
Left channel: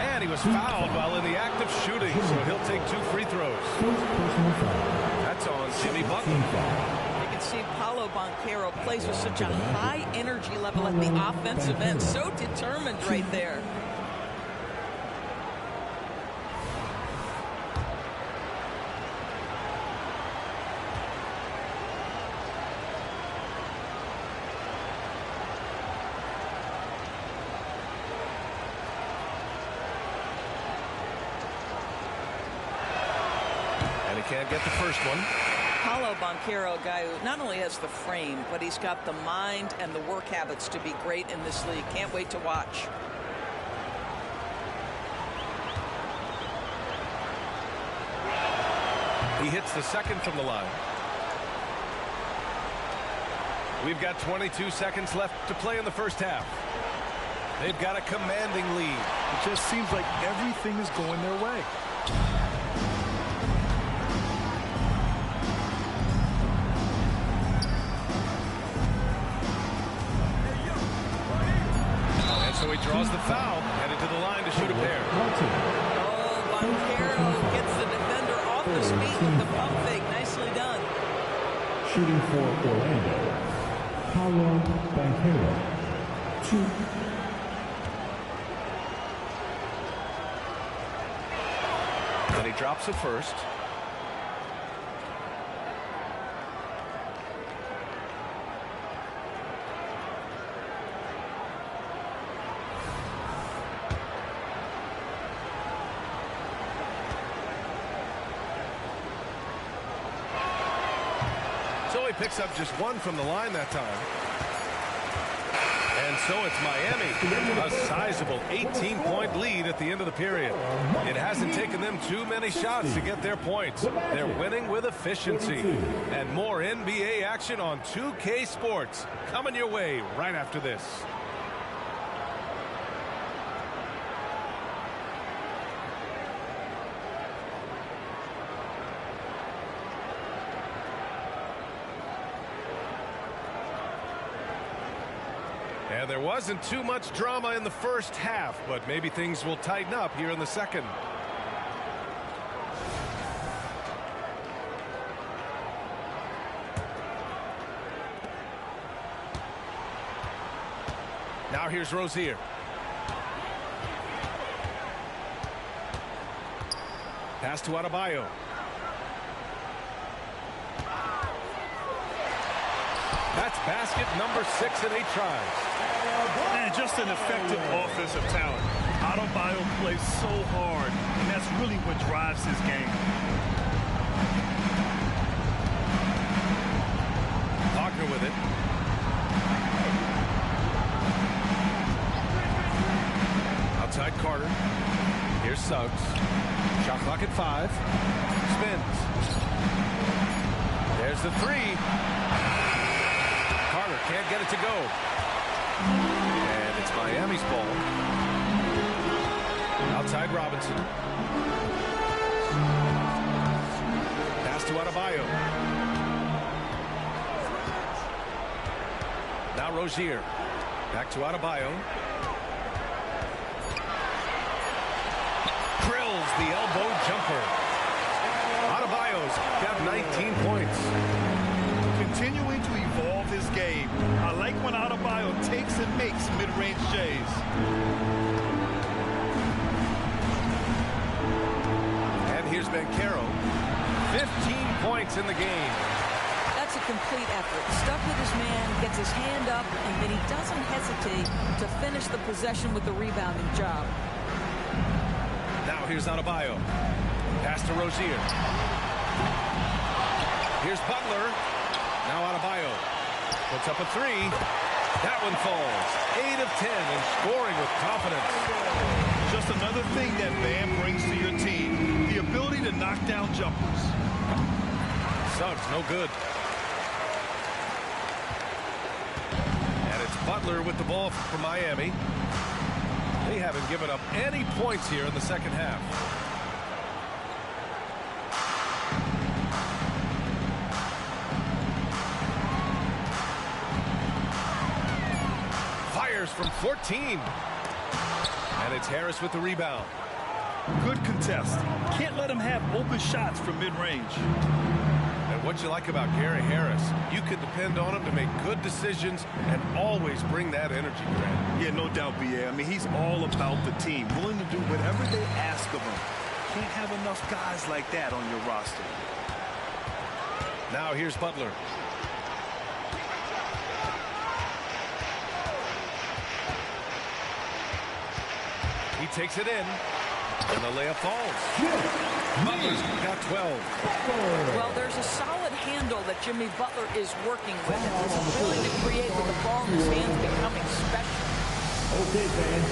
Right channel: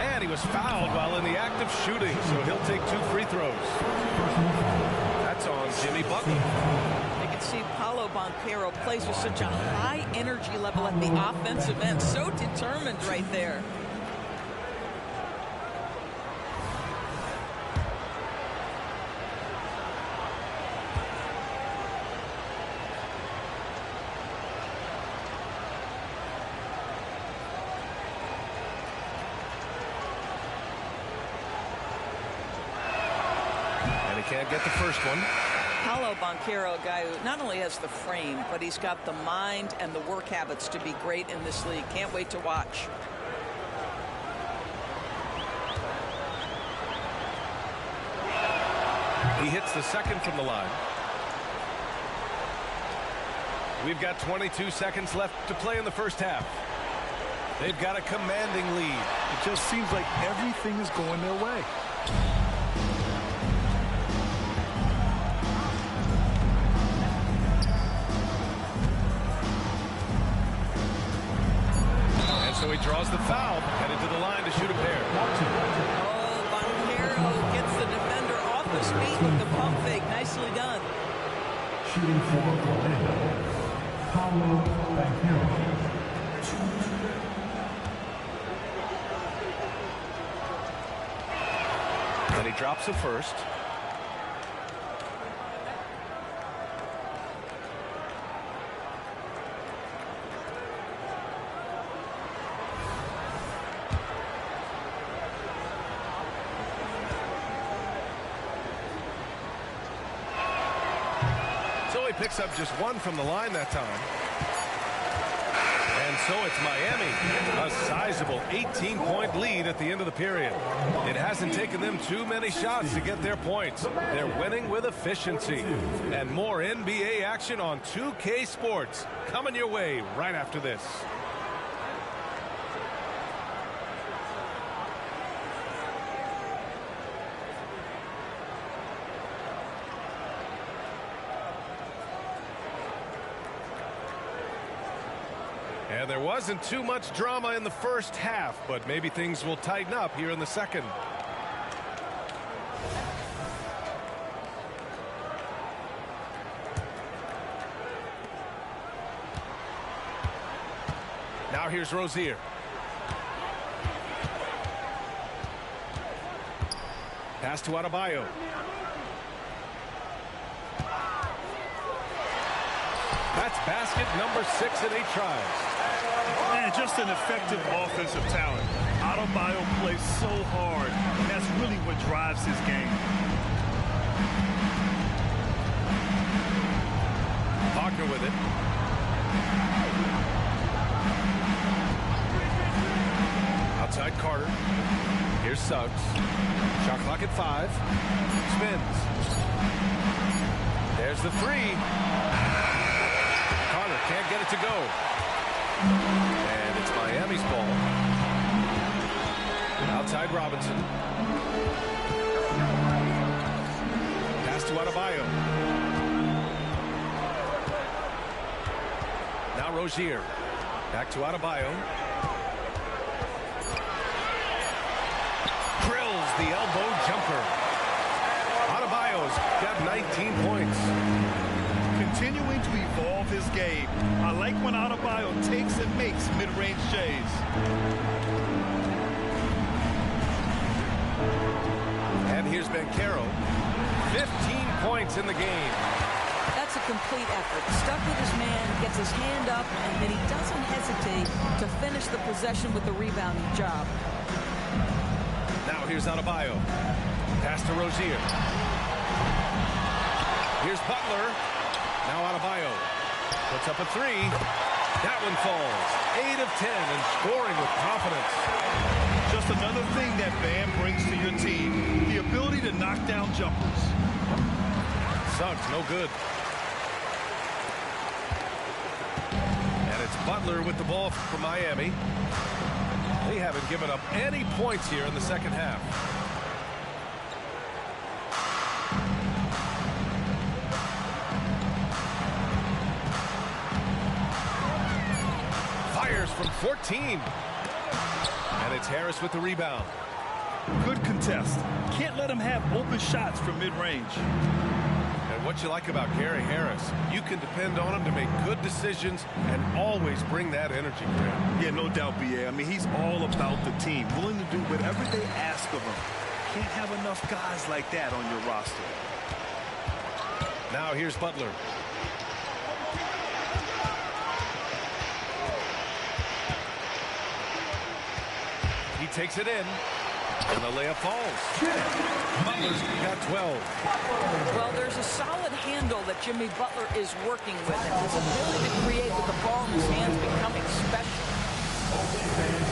And he was fouled while in the act of shooting, so he'll take 2 free throws. That's on Jimmy Butler. You can see Paolo Banchero plays with such a high energy level at the offensive end. So determined right there. And he can't get the first one. Paolo Banchero, a guy who not only has the frame, but he's got the mind and the work habits to be great in this league. Can't wait to watch. He hits the second from the line. We've got 22 seconds left to play in the first half. They've got a commanding lead. It just seems like everything is going their way. So he draws the foul, headed to the line to shoot a pair. Oh, Banchero gets the defender off his feet with the pump fake. Nicely done. Shooting for Orlando, Paolo Banchero. 2. And he drops it first. So he picks up just 1 from the line that time. And so it's Miami, a sizable 18-point lead at the end of the period. It hasn't taken them too many shots to get their points. They're winning with efficiency. And more NBA action on 2K Sports coming your way right after this. And there wasn't too much drama in the first half, but maybe things will tighten up here in the second. Now here's Rozier. Pass to Adebayo. That's basket number 6 in 8 tries. And just an effective offensive talent. Adebayo plays so hard, and that's really what drives his game. Wagner with it. Outside Carter. Here's Suggs. Shot clock at 5. Spins. There's the 3. Carter can't get it to go. And it's Miami's ball. Outside Robinson. Pass to Adebayo. Now Rozier. Back to Adebayo. Drills the elbow jumper. Adebayo's got 19 points. continuing to evolve his game. I like when Adebayo takes and makes mid-range J's. And here's Banchero. 15 points in the game. That's a complete effort. Stuck with his man, gets his hand up, and then he doesn't hesitate to finish the possession with the rebounding job. Now here's Adebayo. Pass to Rozier. Here's Butler. Now Adebayo puts up a three. That one falls. 8 of 10 and scoring with confidence. Just another thing that Bam brings to your team, the ability to knock down jumpers. Suggs, no good. And it's Butler with the ball for Miami. They haven't given up any points here in the second half. Fires from 14. And it's Harris with the rebound. Good contest. Can't let him have open shots from mid-range. And what you like about Gary Harris, you can depend on him to make good decisions and always bring that energy, Grant. Yeah, no doubt, B.A. I mean, he's all about the team, willing to do whatever they ask of him. Can't have enough guys like that on your roster. Now here's Butler. He takes it in, and the layup falls. Butler's got 12. Well, there's a solid handle that Jimmy Butler is working with, and his ability to create with the ball in his hands becoming special.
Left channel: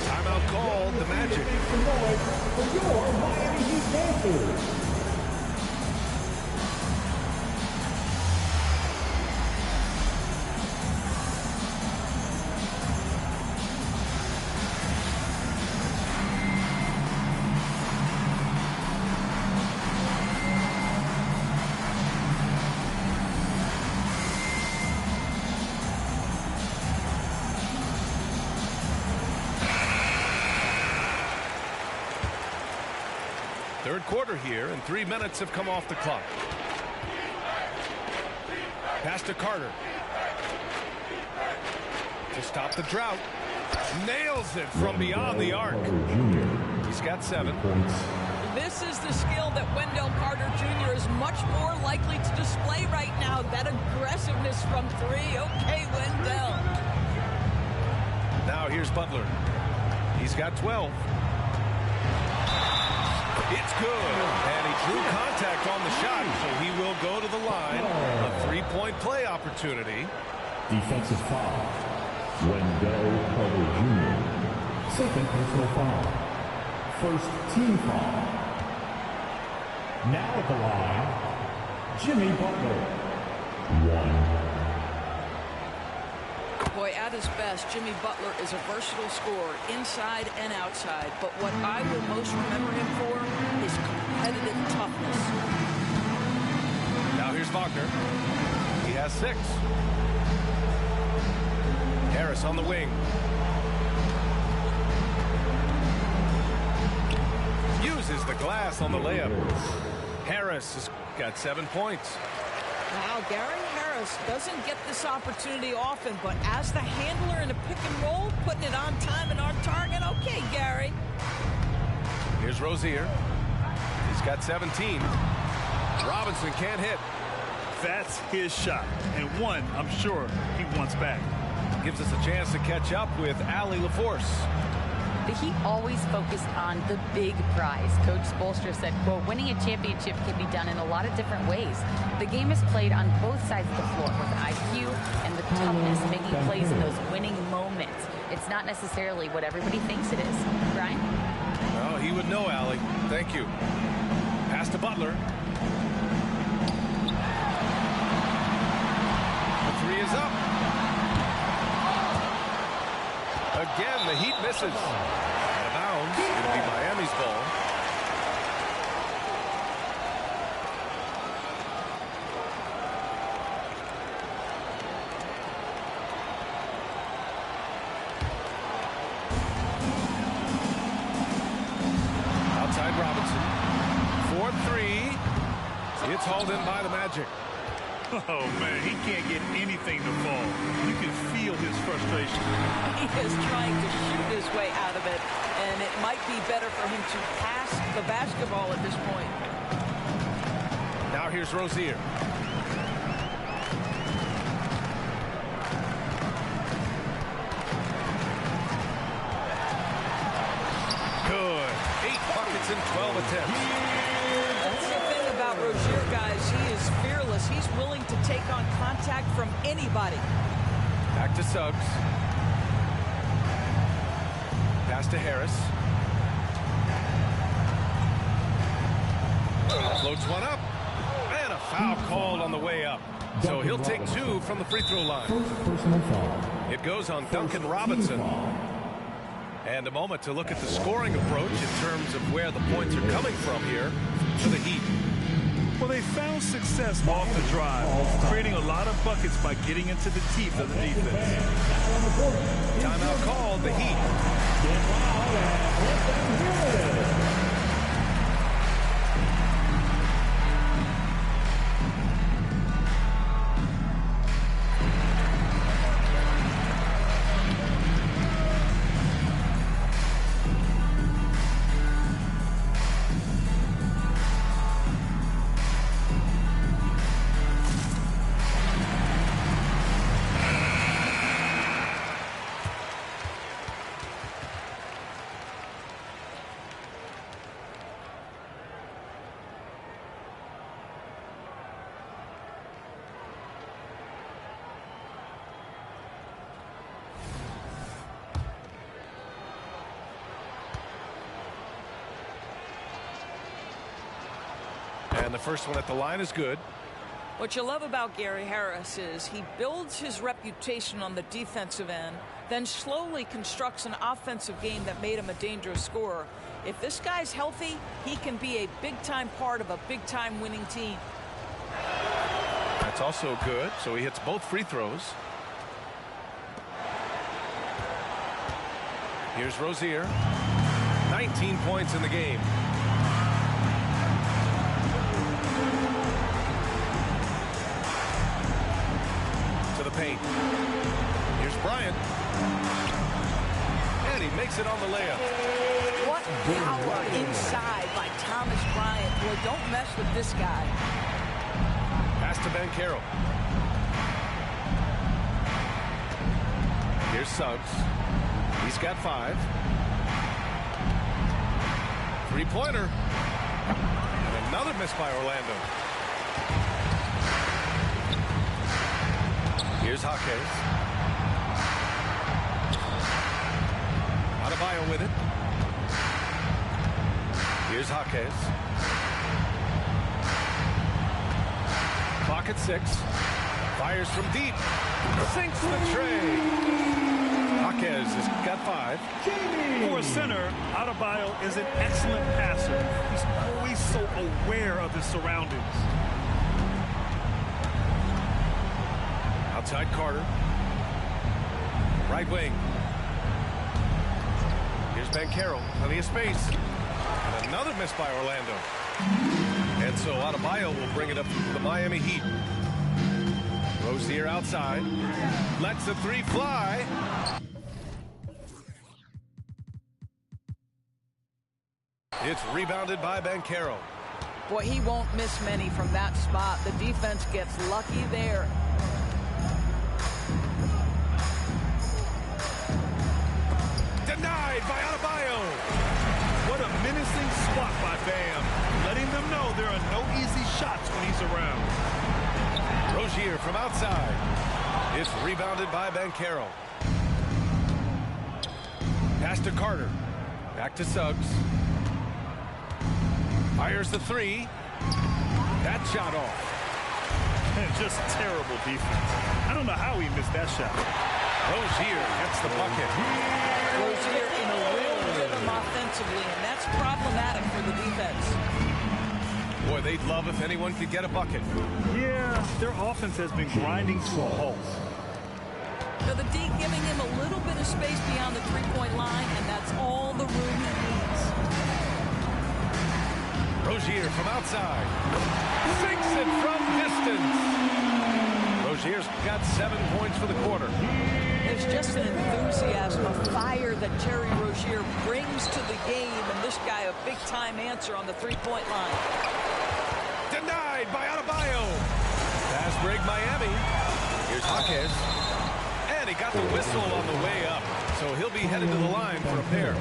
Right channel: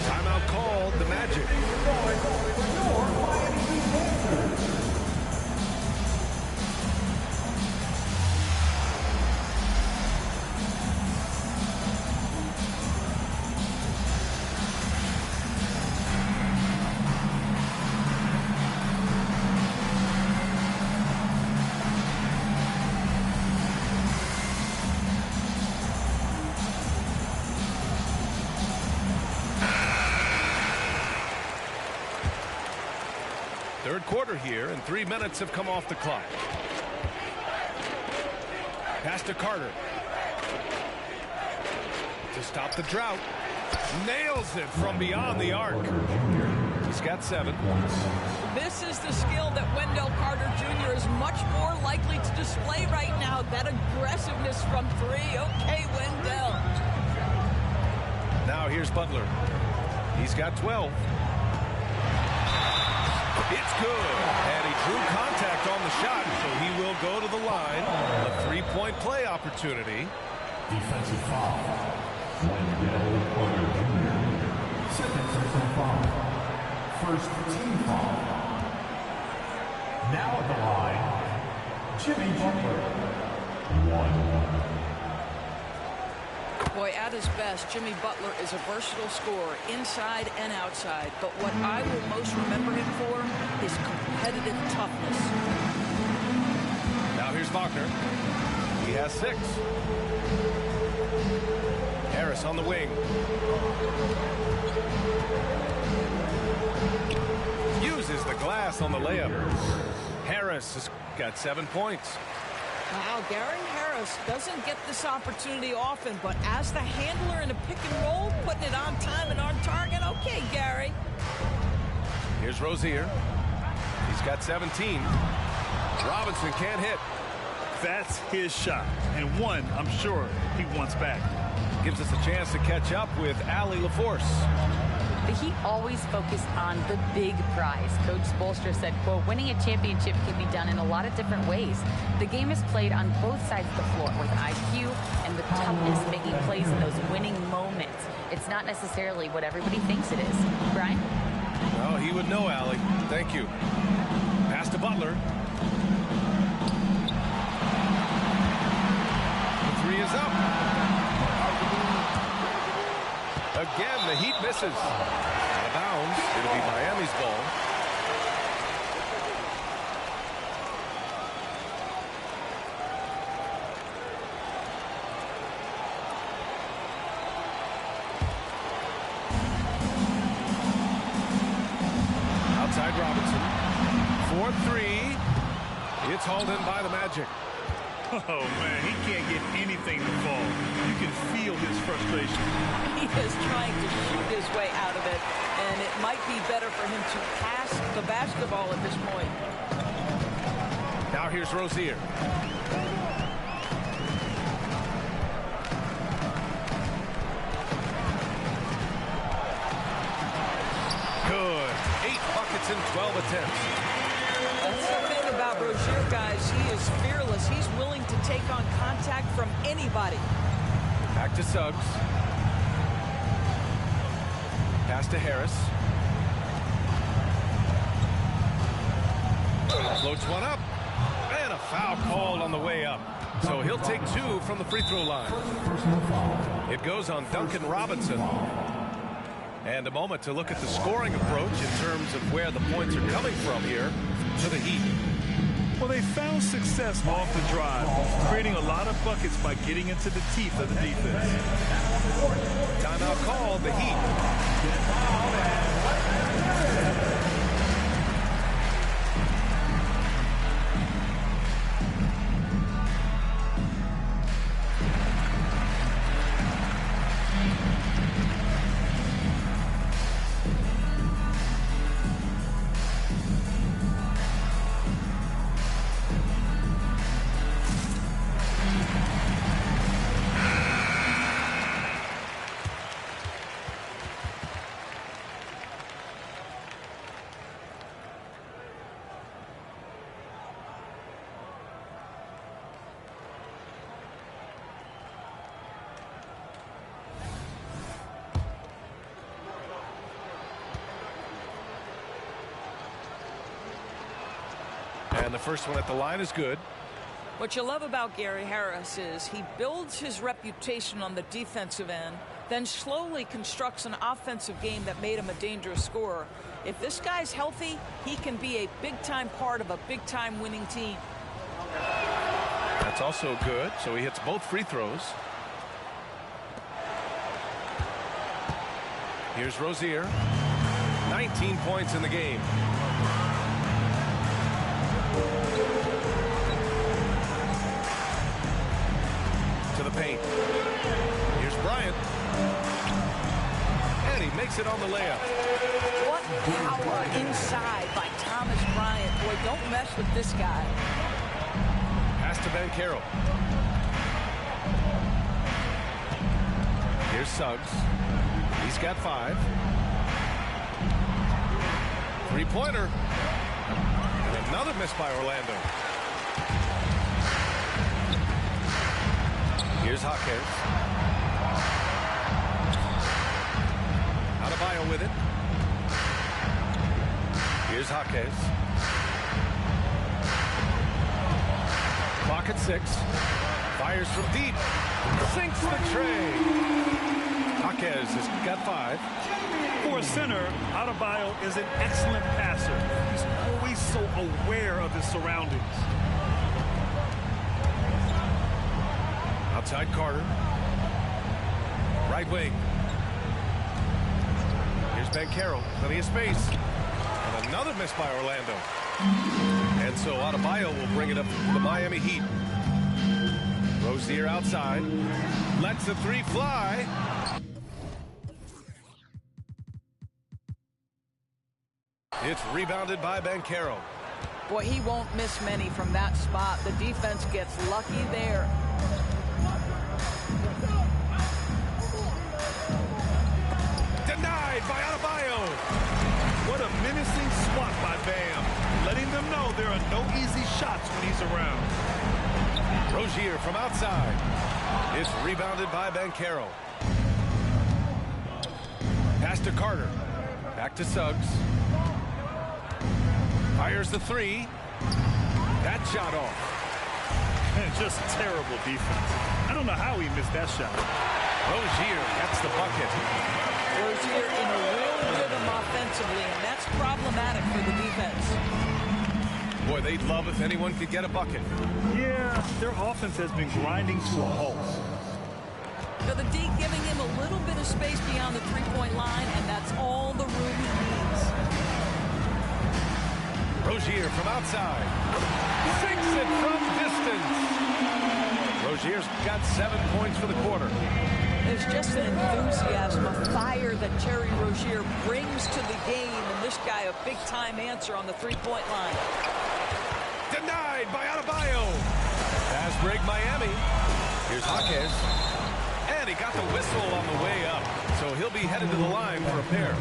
Timeout called, the Magic. Your Miami Heat Panthers. Third quarter here, and 3 minutes have come off the clock. Pass to Carter. To stop the drought. Nails it from beyond the arc. He's got 7. This is the skill that Wendell Carter Jr. is much more likely to display right now. That aggressiveness from 3. Okay, Wendell. Now here's Butler. He's got 12. It's good, and he drew contact on the shot, so he will go to the line. A 3-point play opportunity. Defensive foul. Wendell Carter Jr. Second personal foul. First team foul. Now at the line, Jimmy Butler. 1. Boy, at his best, Jimmy Butler is a versatile scorer, inside and outside. But what I will most remember him for is competitive toughness. Now here's Wagner. He has 6. Harris on the wing. Uses the glass on the layup. Harris has got 7 points. Wow, Gary Harris doesn't get this opportunity often, but as the handler in a pick and roll, putting it on time and on target. Okay, Gary. Here's Rozier. He's got 17. Robinson can't hit. That's his shot, and one I'm sure he wants back. Gives us a chance to catch up with Allie LaForce. The Heat always focused on the big prize. Coach Spoelstra said, quote, winning a championship can be done in a lot of different ways. The game is played on both sides of the floor with IQ and with toughness, making plays in those winning moments. It's not necessarily what everybody thinks it is. Brian? Oh, he would know, Allie. Thank you. Pass to Butler. The 3 is up. Again, the Heat misses. Out of bounds. It'll be Miami's ball. Outside Robinson. 4-3. It's hauled in by the Magic. Oh, man, he can't get anything to fall. You can feel his frustration. He is trying to shoot his way out of it, and it might be better for him to pass the basketball at this point. Now here's Rozier. Good. 8 buckets in 12 attempts. That's the thing about Rozier, guys. He is fearless. He's willing to take on contact from anybody. Back to Suggs. Pass to Harris. Floats one up. And a foul called on the way up. So he'll take 2 from the free throw line. It goes on Duncan Robinson. And a moment to look at the scoring approach in terms of where the points are coming from here for the Heat. Well, they found success off the drive, creating a lot of buckets by getting into the teeth of the defense. Timeout called, the Heat. And the first one at the line is good. What you love about Gary Harris is he builds his reputation on the defensive end, then slowly constructs an offensive game that made him a dangerous scorer. If this guy's healthy, he can be a big-time part of a big-time winning team. That's also good. So he hits both free throws. Here's Rozier. 19 points in the game. To the paint. Here's Bryant. And he makes it on the layup. What power inside by Thomas Bryant. Boy, don't mess with this guy. Pass to Banchero. Here's Suggs. He's got 5. Three-pointer. And another miss by Orlando. Here's Jaquez. Adebayo with it. Here's Jaquez. Clock at 6. Fires from deep. Sinks the tray. Jaquez has got 5. For a center, Adebayo is an excellent passer. He's always so aware of his surroundings. Outside Carter. Right wing. Here's Banchero. Plenty of space. And another miss by Orlando. And so Adebayo will bring it up to the Miami Heat. Rozier outside. Lets the 3 fly. It's rebounded by Banchero. Boy, he won't miss many from that spot. The defense gets lucky there. Denied by Adebayo. What a menacing swat by Bam, letting them know there are no easy shots when he's around. Rozier from outside. It's rebounded by Banchero. Pass to Carter. Back to Suggs. Fires the 3. That shot off. Just terrible defense. I don't know how he missed that shot. Rozier gets the bucket. Rozier in a real rhythm offensively, and that's problematic for the defense. Boy, they'd love if anyone could get a bucket. Yeah, their offense has been grinding to a halt. So the D giving him a little bit of space beyond the three-point line, and that's all the room he needs. Rozier from outside. Sinks it from distance. Rozier's got 7 points for the quarter. There's just an enthusiasm, a fire that Terry Rozier brings to the game, and this guy a big-time answer on the three-point line. Denied by Adebayo. Fast break Miami. Here's Jaquez. And he got the whistle on the way up, so he'll be headed to the line for a pair.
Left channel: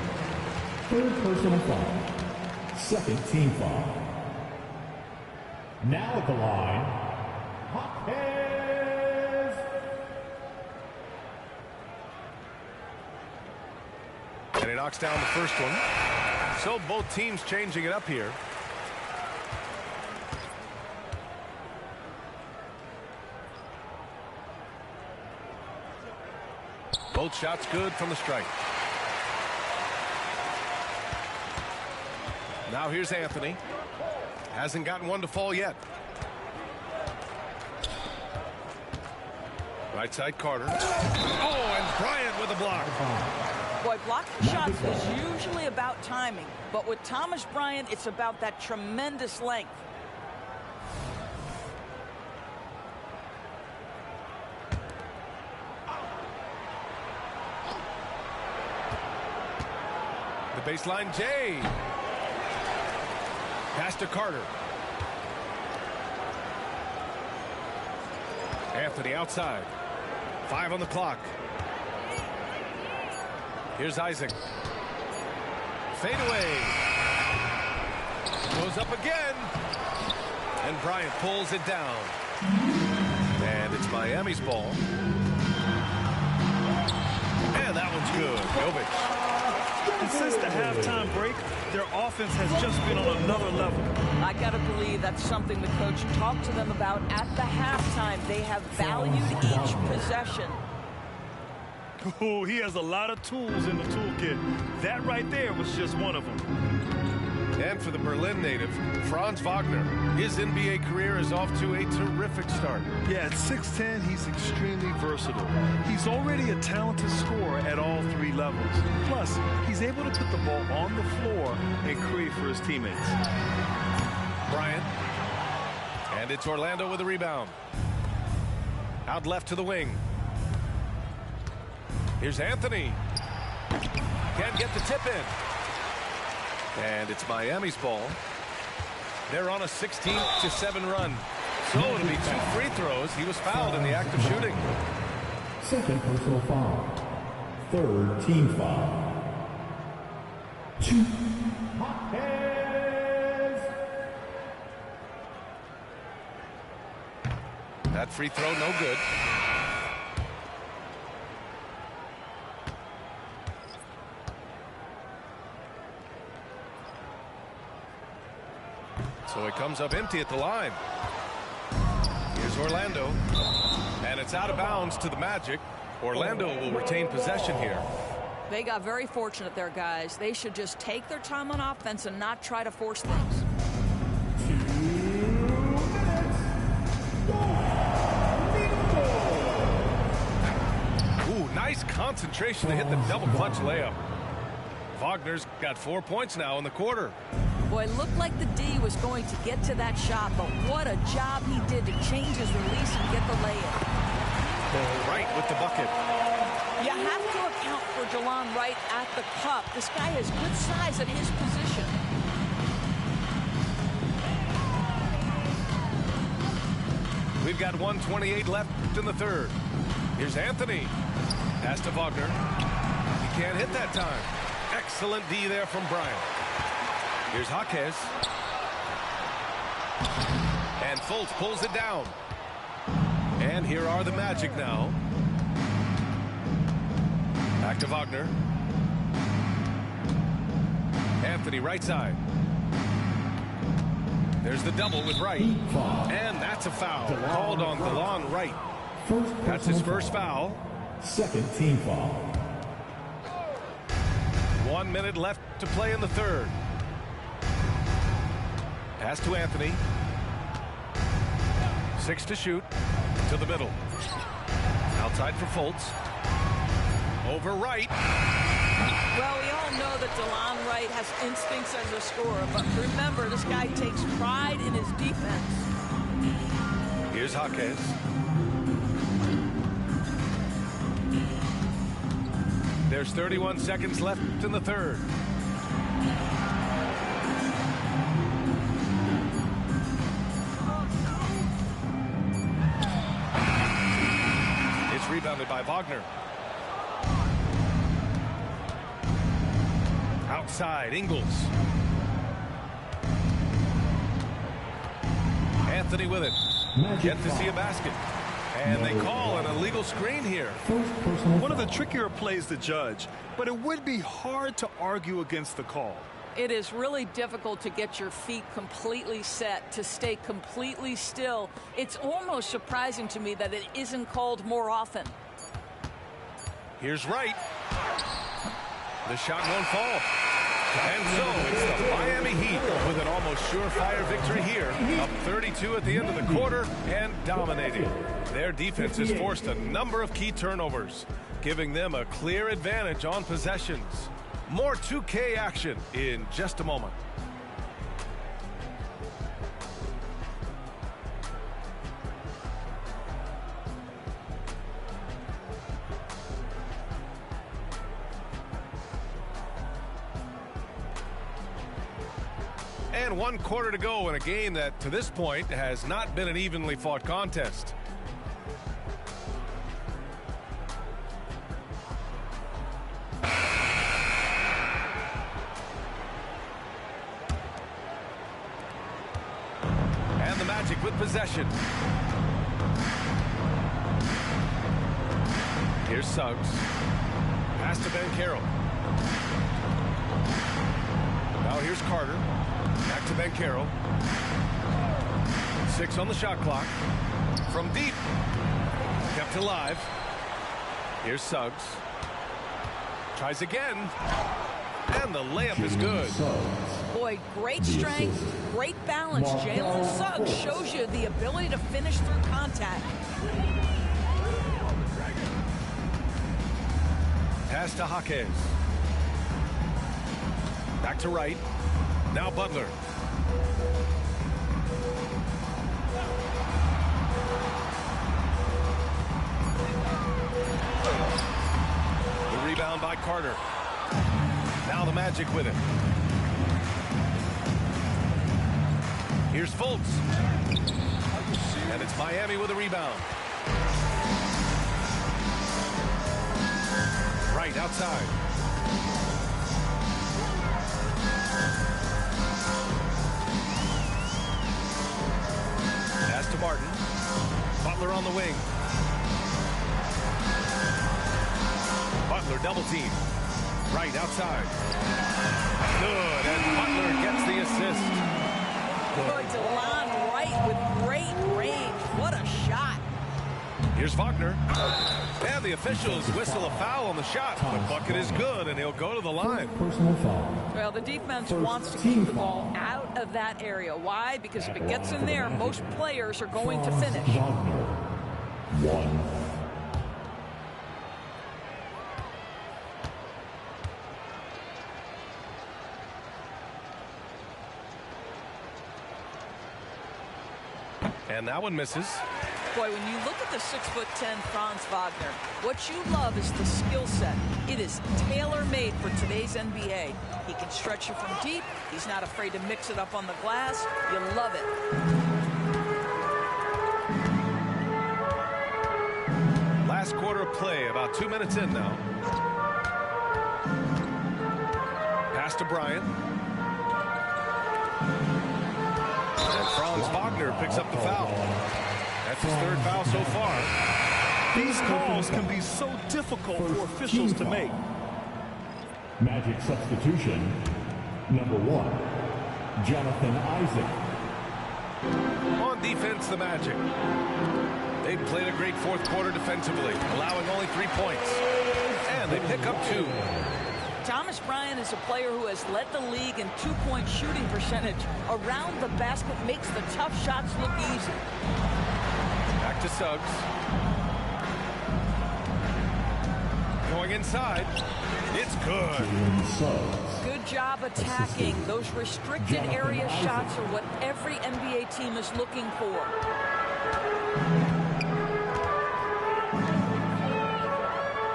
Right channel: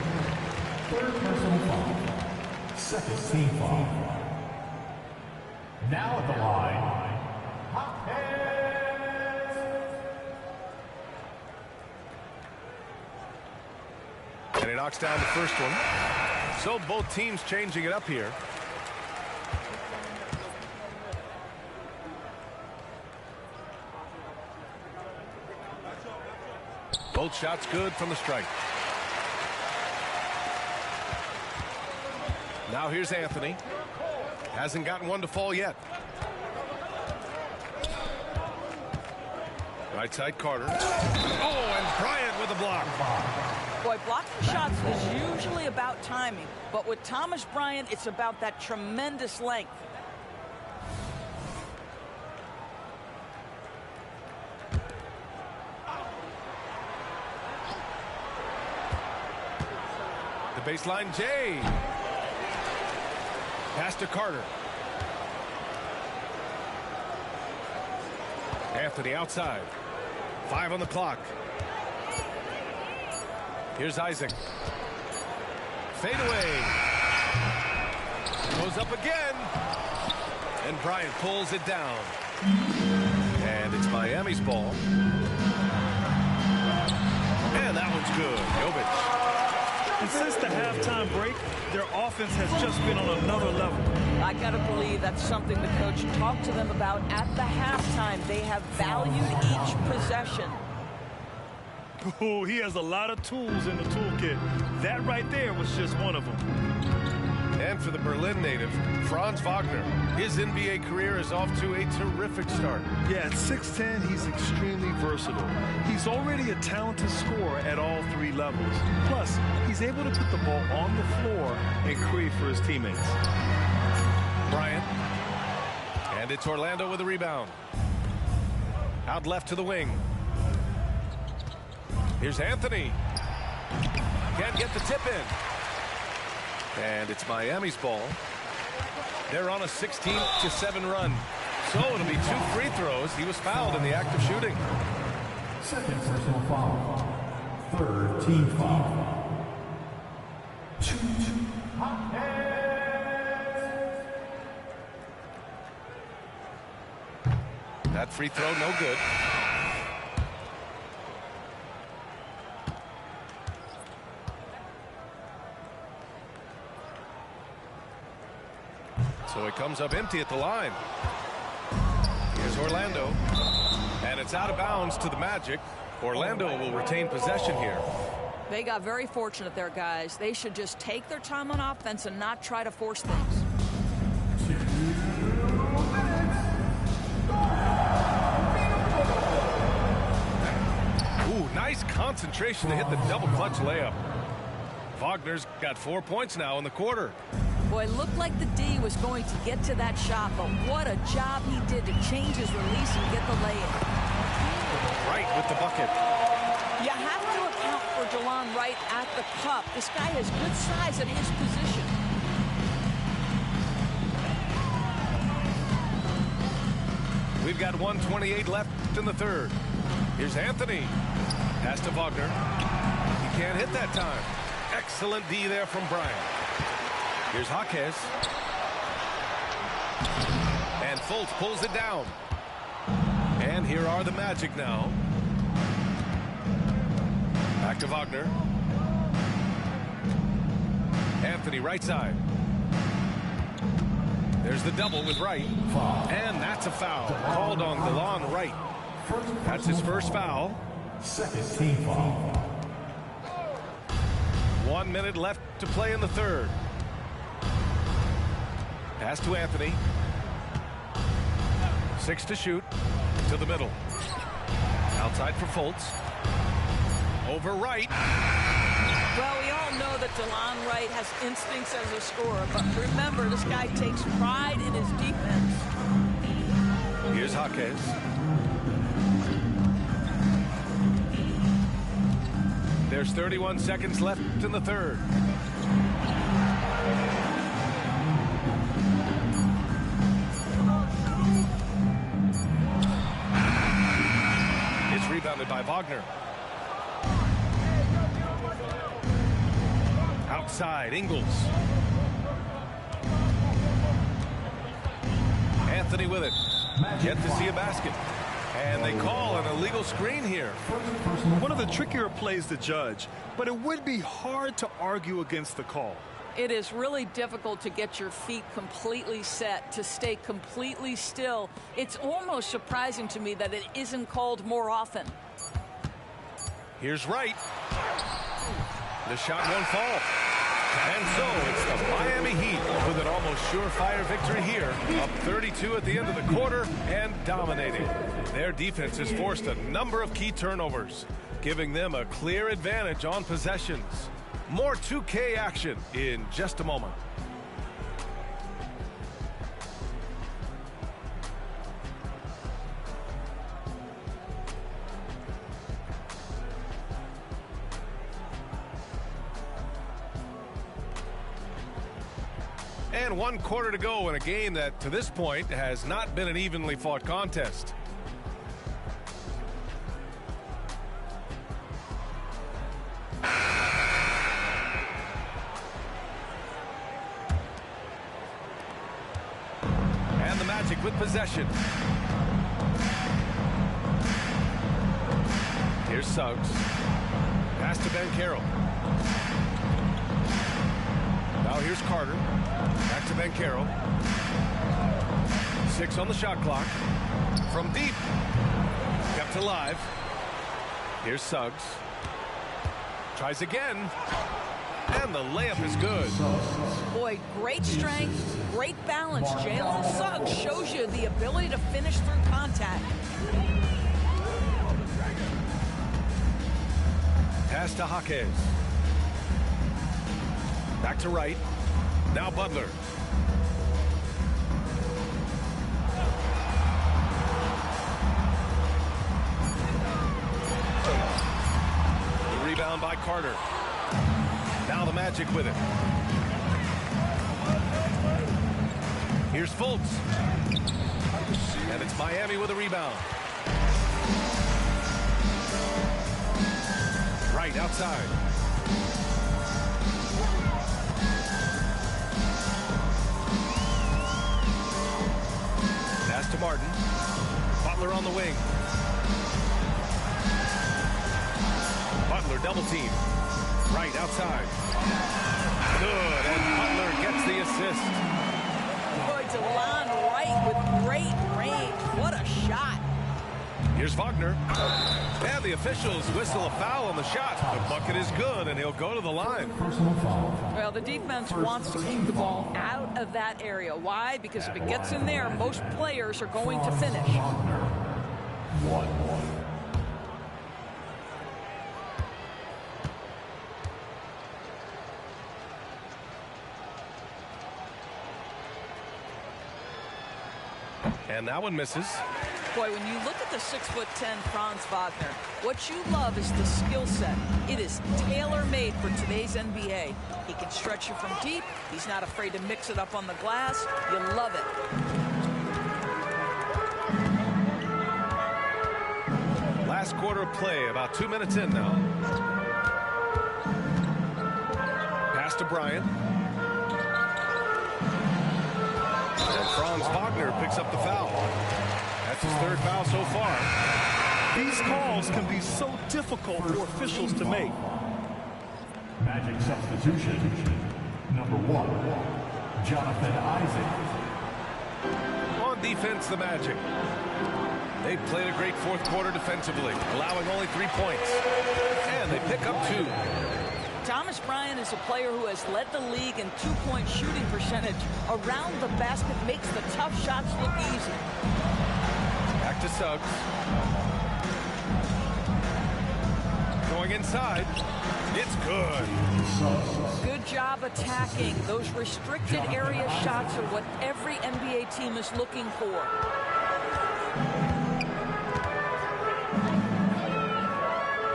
Third personal foul. Second team foul. Now at the line, Jaquez. And he knocks down the first one. So both teams changing it up here. Both shots good from the strike. Now here's Anthony. Hasn't gotten one to fall yet. Right side Carter. Oh, and Bryant with a block. Boy, blocking shots is usually about timing, but with Thomas Bryant, it's about that tremendous length. The baseline, Jay. Pass to Carter. Anthony outside. 5 on the clock. Here's Isaac. Fade away. Goes up again. And Bryant pulls it down. And it's Miami's ball. And that one's good. Jovic. And since the halftime break, their offense has just been on another level. I got to believe that's something the coach talked to them about at the halftime. They have valued each possession. Oh, he has a lot of tools in the toolkit. That right there was just one of them. And for the Berlin native, Franz Wagner. His NBA career is off to a terrific start. Yeah, at 6'10", he's extremely versatile. He's already a talented scorer at all 3 levels. Plus, he's able to put the ball on the floor and create for his teammates. Bryant. And it's Orlando with a rebound. Out left to the wing. Here's Anthony. Can't get the tip in. And it's Miami's ball. They're on a 16-7 run. So it'll be 2 free throws. He was fouled in the act of shooting. Second personal foul. Third team foul. Shoot. That free throw no good. So it comes up empty at the line. Here's Orlando. And it's out of bounds to the Magic. Orlando will retain possession here. They got very fortunate there, guys. They should just take their time on offense and not try to force things. 2 minutes. Ooh, nice concentration to hit the double clutch layup. Wagner's got 4 points now in the quarter. Boy, it looked like the D was going to get to that shot, but what a job he did to change his release and get the lay-in. Right with the bucket. You have to account for Delon Wright at the cup. This guy has good size at his position. We've got 1:28 left in the third. Here's Anthony. Pass to Wagner. He can't hit that time. Excellent D there from Bryant. Here's Jaquez. And Fultz pulls it down. And here are the Magic now. Back to Wagner. Anthony right side. There's the double with Wright. And that's a foul called on Delon Wright. That's his first foul. Second team foul. 1 minute left to play in the third. Pass to Anthony. 6 to shoot. To the middle. Outside for Fultz. Over Wright. Well, we all know that Delon Wright has instincts as a scorer, but remember, this guy takes pride in his defense. Here's Jaquez. There's 31 seconds left in the third. It's rebounded by Wagner. Outside, Ingles. Anthony with it. Yet to see a basket. And they call an illegal screen here. One of the trickier plays to judge, but it would be hard to argue against the call. It is really difficult to get your feet completely set, to stay completely still. It's almost surprising to me that it isn't called more often. Here's Wright. The shot won't fall. And so it's the Miami Heat with an almost surefire victory here, up 32 at the end of the quarter and dominating. Their defense has forced a number of key turnovers, giving them a clear advantage on possessions. More 2K action in just a moment. And 1 quarter to go in a game that, to this point, has not been an evenly fought contest. And the Magic with possession. Here's Suggs. Pass to Banchero. Now here's Carter. Back to Banchero. 6 on the shot clock. From deep. Kept alive. Here's Suggs. Tries again. And the layup is good. Boy, great strength, great balance. Jalen Suggs shows you the ability to finish through contact. Pass to Jaquez. Back to Wright. Now Butler. The rebound by Carter. Now the Magic with it. Here's Fultz. And it's Miami with a rebound. Right outside. Pass to Martin. Butler on the wing. Butler double team. Right outside. Good, and Butler gets the assist. Boy, DeLon Wright with great range. What a shot. Here's Wagner. And the officials whistle a foul on the shot. The bucket is good, and he'll go to the line. Personal foul. Well, the defense wants to keep the ball out of that area. Why? Because if it gets in there, most players are going to finish. Wagner. 1. And that one misses. Boy, when you look at the 6'10" Franz Wagner, what you love is the skill set. It is tailor-made for today's NBA. He can stretch you from deep. He's not afraid to mix it up on the glass. You love it. Last quarter of play, about 2 minutes in now. Pass to Bryant. And Franz Wagner picks up the foul. That's his 3rd foul so far. These calls can be so difficult for officials to make. Magic substitution. Number 1, Jonathan Isaac. On defense, the Magic. They played a great 4th quarter defensively, allowing only 3 points. And they pick up 2. Thomas Bryant is a player who has led the league in 2-point shooting percentage. Around the basket makes the tough shots look easy. Back to Suggs. Going inside. It's good. Good job attacking. Those restricted area shots are what every NBA team is looking for.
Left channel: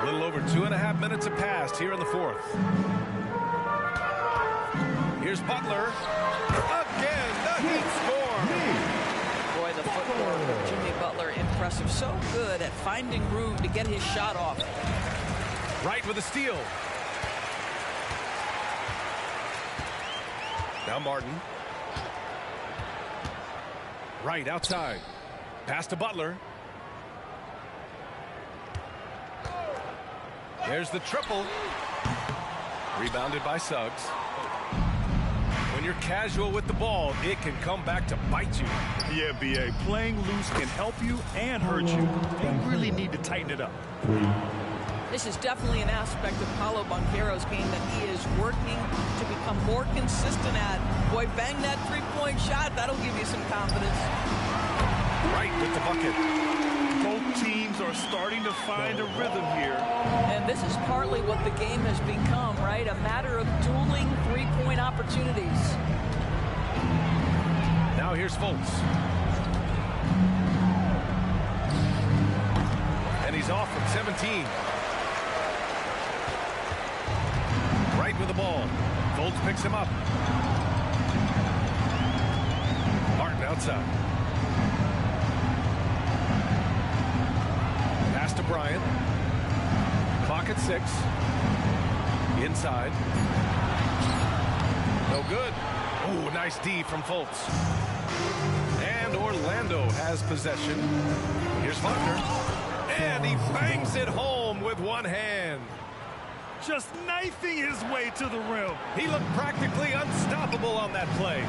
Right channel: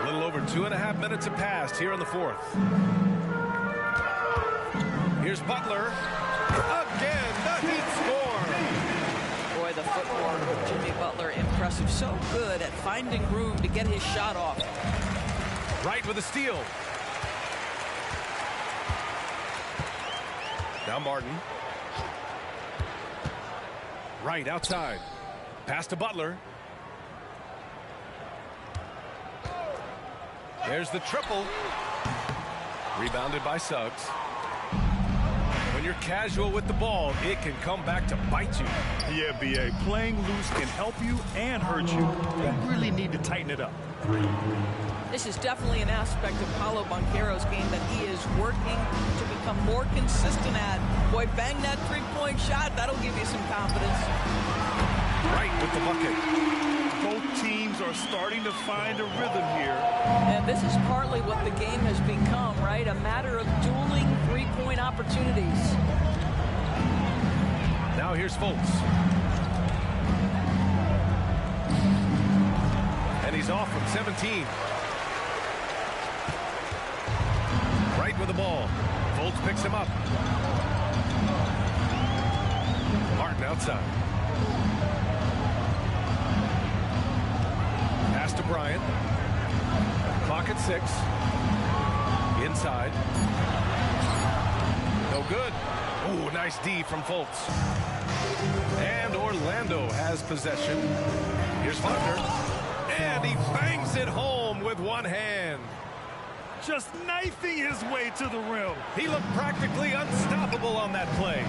A little over 2.5 minutes have passed here in the fourth. Here's Butler. Again, the Heat score. Boy, the footwork of Jimmy Butler, impressive. So good at finding room to get his shot off. Wright with a steal. Now Martin. Wright outside. Pass to Butler. There's the triple. Rebounded by Suggs. When you're casual with the ball, it can come back to bite you. Yeah, B.A. Playing loose can help you and hurt you. They really need to tighten it up. This is definitely an aspect of Paolo Banchero's game that he is working to become more consistent at. Boy, bang that three-point shot. That'll give you some confidence. Wright with the bucket. Both teams are starting to find a rhythm here. And this is partly what the game has become, right? A matter of dueling three-point opportunities. Now here's Fultz. And he's off from 17. Wright with the ball. Fultz picks him up. Martin outside. Pass to Bryant. Clock at 6. Inside. No good. Oh, nice D from Fultz. And Orlando has possession. Here's Faulkner. And he bangs it home with one hand. Just knifing his way to the rim. He looked practically unstoppable on that play.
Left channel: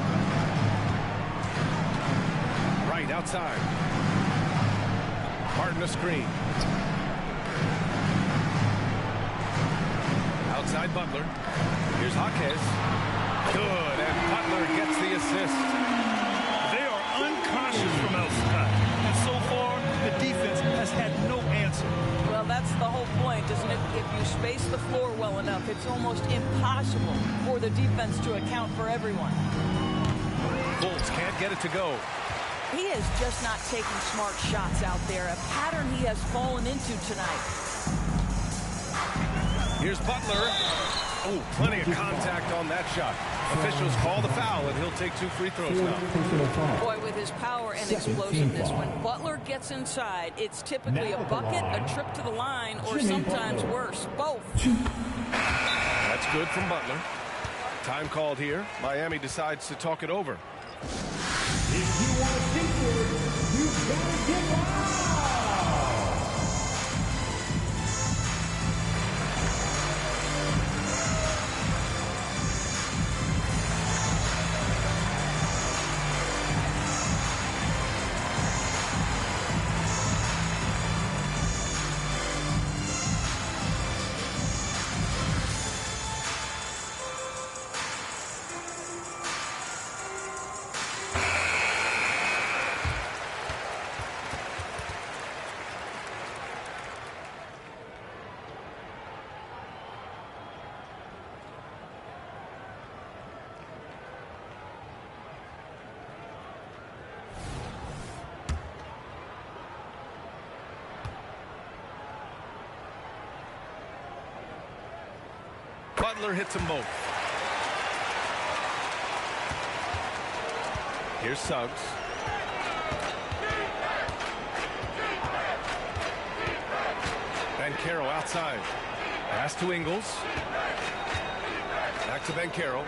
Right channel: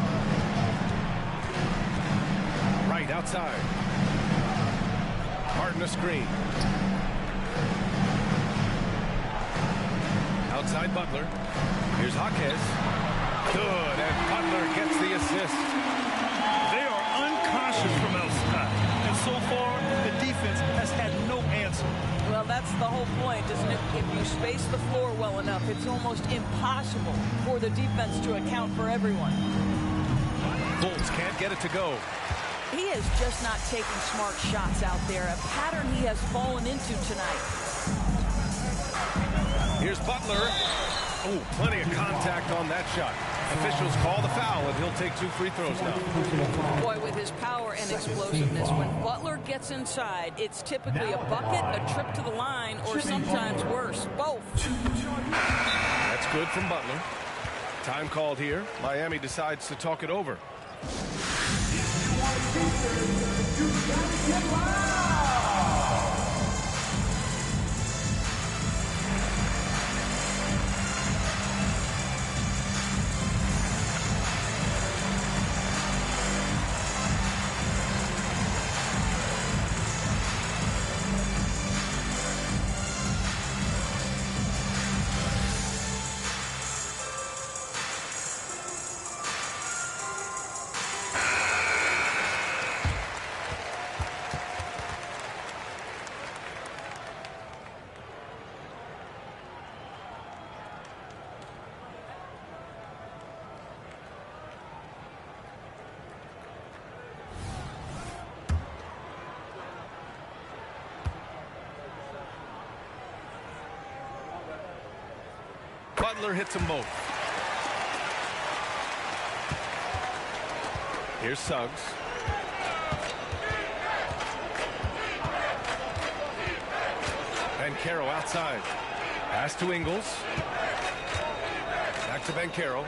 Right outside. Martin a screen. Outside Butler. Here's Jaquez. Good, and Butler gets the assist. They are unconscious from outside. And so far, the defense has had no answer. Well, that's the whole point, isn't it? If you space the floor well enough, it's almost impossible for the defense to account for everyone. Fultz can't get it to go. He is just not taking smart shots out there, a pattern he has fallen into tonight. Here's Butler. Oh, plenty of contact on that shot. Officials call the foul, and he'll take 2 free throws now. Boy, with his power and explosiveness, when Butler gets inside, it's typically a bucket, a trip to the line, or sometimes worse, both. That's good from Butler. Time called here. Miami decides to talk it over. If you want features, you gotta get loud. Butler hits them both. Here's Suggs. Banchero outside. Pass to Ingles. Back to Banchero.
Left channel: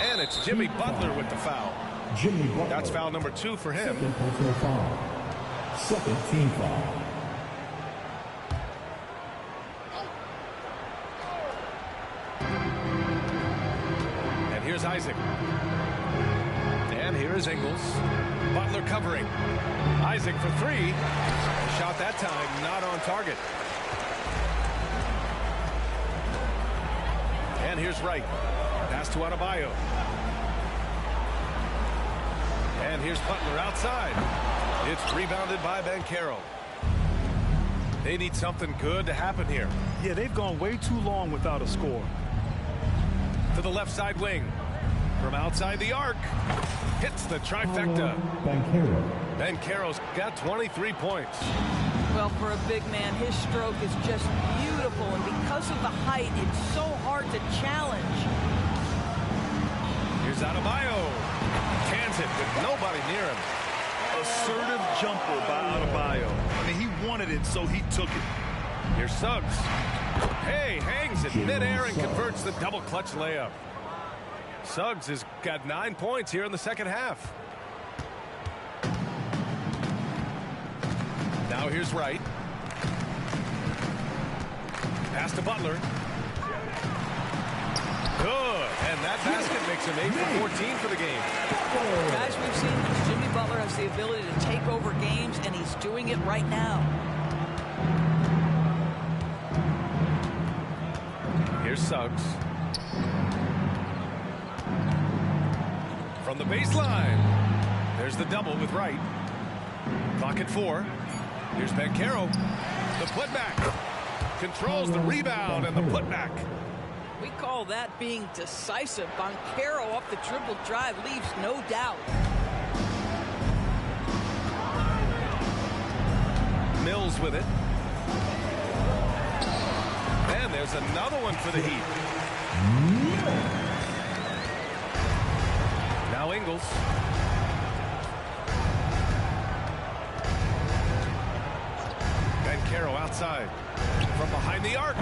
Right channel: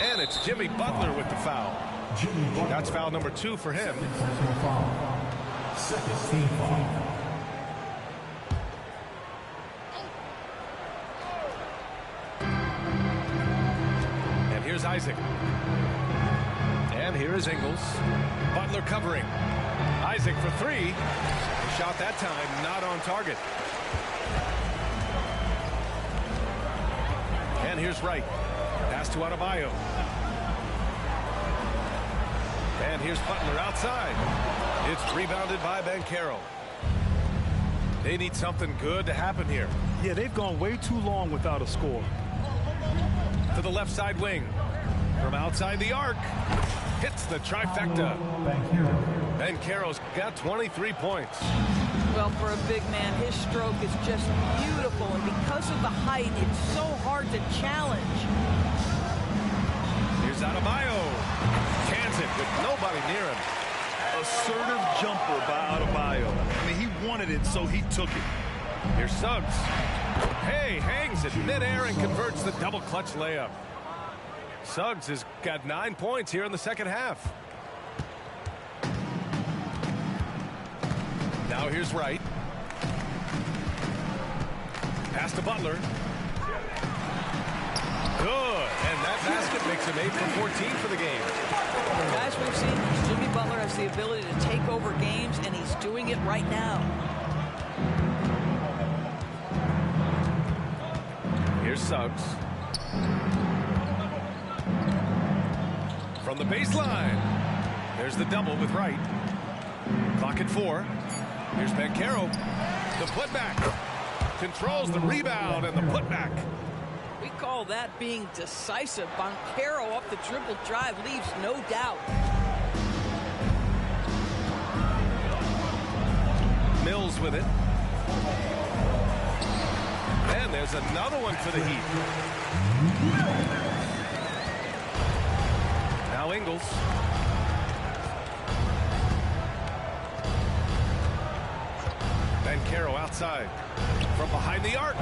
And it's Jimmy Butler with the foul. Jimmy Butler. That's foul number 2 for him. Second personal foul. Second team foul. And here's Isaac. And here is Ingles. Butler covering. Isaac for 3. A shot that time not on target. And here's Wright. Pass to Adebayo. And here's Butler outside. It's rebounded by Banchero. They need something good to happen here. Yeah, they've gone way too long without a score. To the left side wing. From outside the arc. Hits the trifecta. Banchero. Banchero's got 23 points. Well, for a big man, his stroke is just beautiful, and because of the height, it's so hard to challenge. Here's Adebayo. Cans it with nobody near him. Assertive jumper by Adebayo. I mean, he wanted it, so he took it. Here's Suggs. Hey, hangs it midair and converts the double clutch layup. Suggs has got 9 points here in the second half. Now here's Wright. Pass to Butler. Good. And that basket makes him 8 for 14 for the game. Guys, we've seen this. Jimmy Butler has the ability to take over games, and he's doing it right now. Here's Suggs. From the baseline. There's the double with Wright. Clock at 4. Here's Banchero. The putback. Controls the rebound and the putback. We call that being decisive. Banchero up the dribble drive leaves no doubt. Mills with it. And there's another one for the Heat. Now Ingles. Banchero outside. From behind the arc.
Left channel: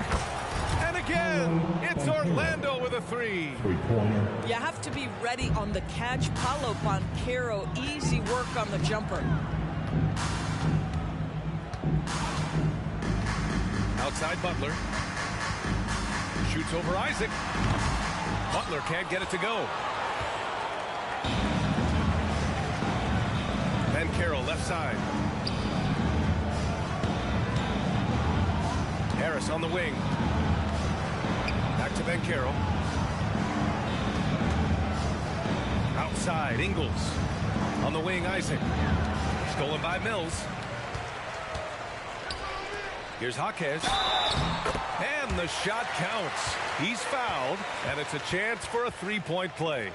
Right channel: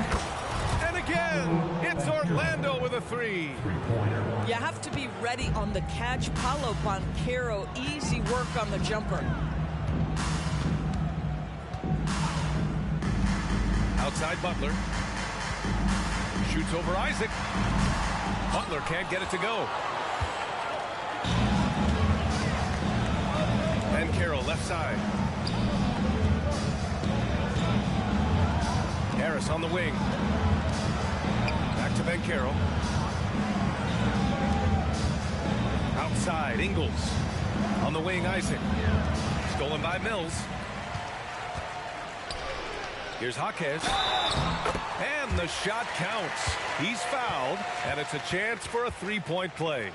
And again, it's Orlando with a 3. Three-pointer. You have to be ready on the catch. Paolo Banchero, easy work on the jumper. Outside Butler. Shoots over Isaac. Butler can't get it to go. Banchero left side. Harris on the wing. Back to Banchero. Outside, Ingles. On the wing, Isaac. Stolen by Mills. Here's Jaquez. And the shot counts. He's fouled, and it's a chance for a three-point play.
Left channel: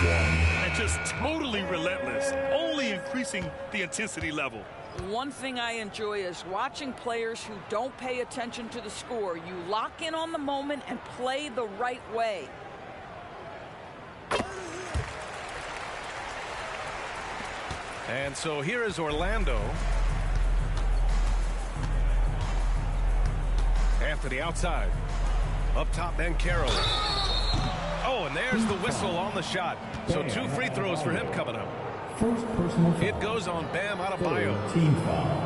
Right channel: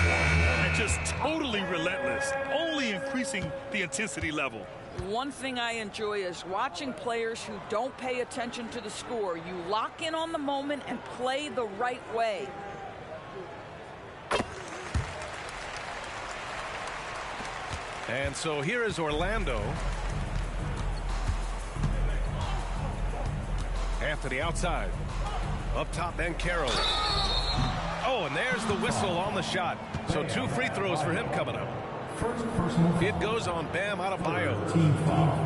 And just totally relentless, only increasing the intensity level. One thing I enjoy is watching players who don't pay attention to the score. You lock in on the moment and play the right way. And so here is Orlando. Anthony outside. Up top, Banchero. Oh, and there's the whistle on the shot. So 2 free throws for him coming up. First personal foul. It goes on Bam Adebayo. Team foul.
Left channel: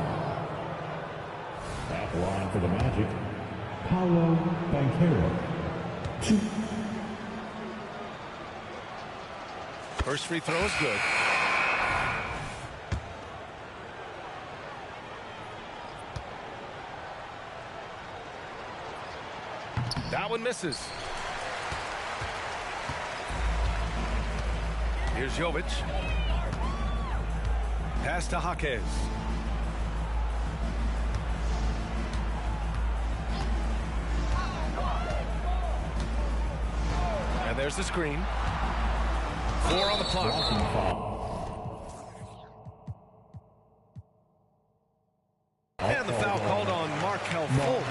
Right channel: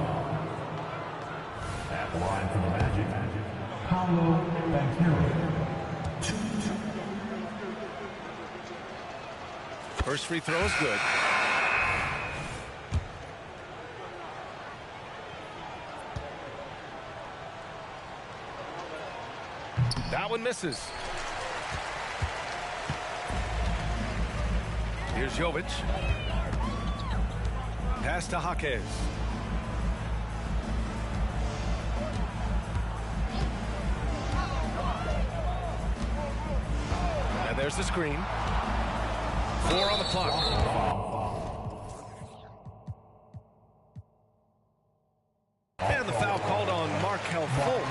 At the line for the Magic, Paolo Banchero. 2. First free throw is good. That one misses. Here's Jovic. Pass to Jaquez. And there's the screen. 4 on the clock. And the foul called on Markelle Fultz.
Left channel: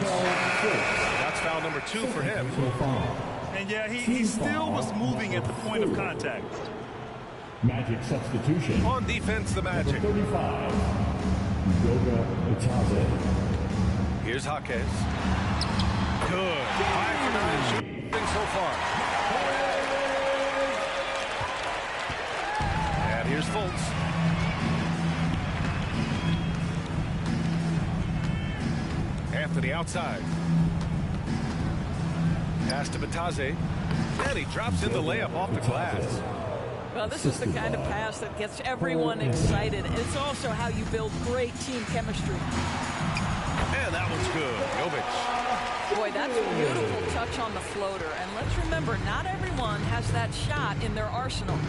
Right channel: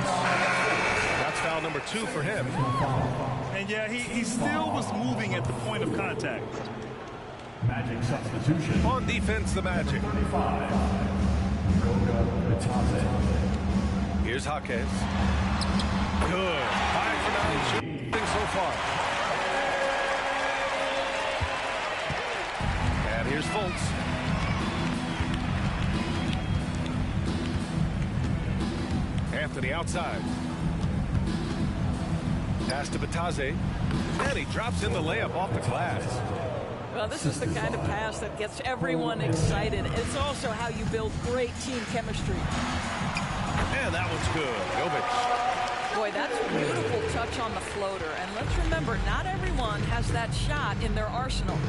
That's foul number 2 for him. And yeah, he still was moving at the point of contact. Magic substitution. On defense, the Magic. 35. Goga Bitadze. Here's Jaquez. Good. 5 for 9 shooting so far. And here's Fultz. Anthony outside. Pass to Bitadze. And he drops in the layup off the glass. Well, this is the kind of pass that gets everyone excited. It's also how you build great team chemistry. And that one's good. Jovic. Boy, that's a beautiful touch on the floater. And let's remember, not everyone has that shot in their arsenal.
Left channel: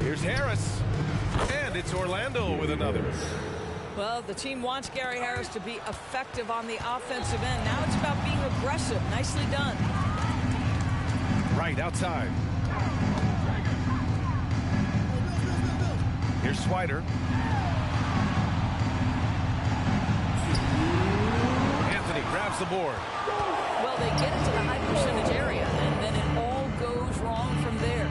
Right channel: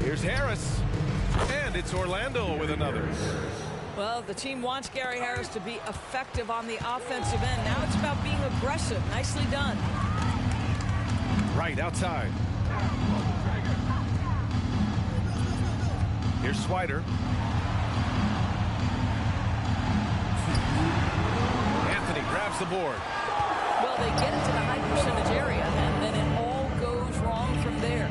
Here's Harris. And it's Orlando with another. Well, the team wants Gary Harris to be effective on the offensive end. Now it's about being aggressive. Nicely done. Right outside. Here's Swider. Anthony grabs the board. Well, they get into the high percentage area, and then it all goes wrong from there.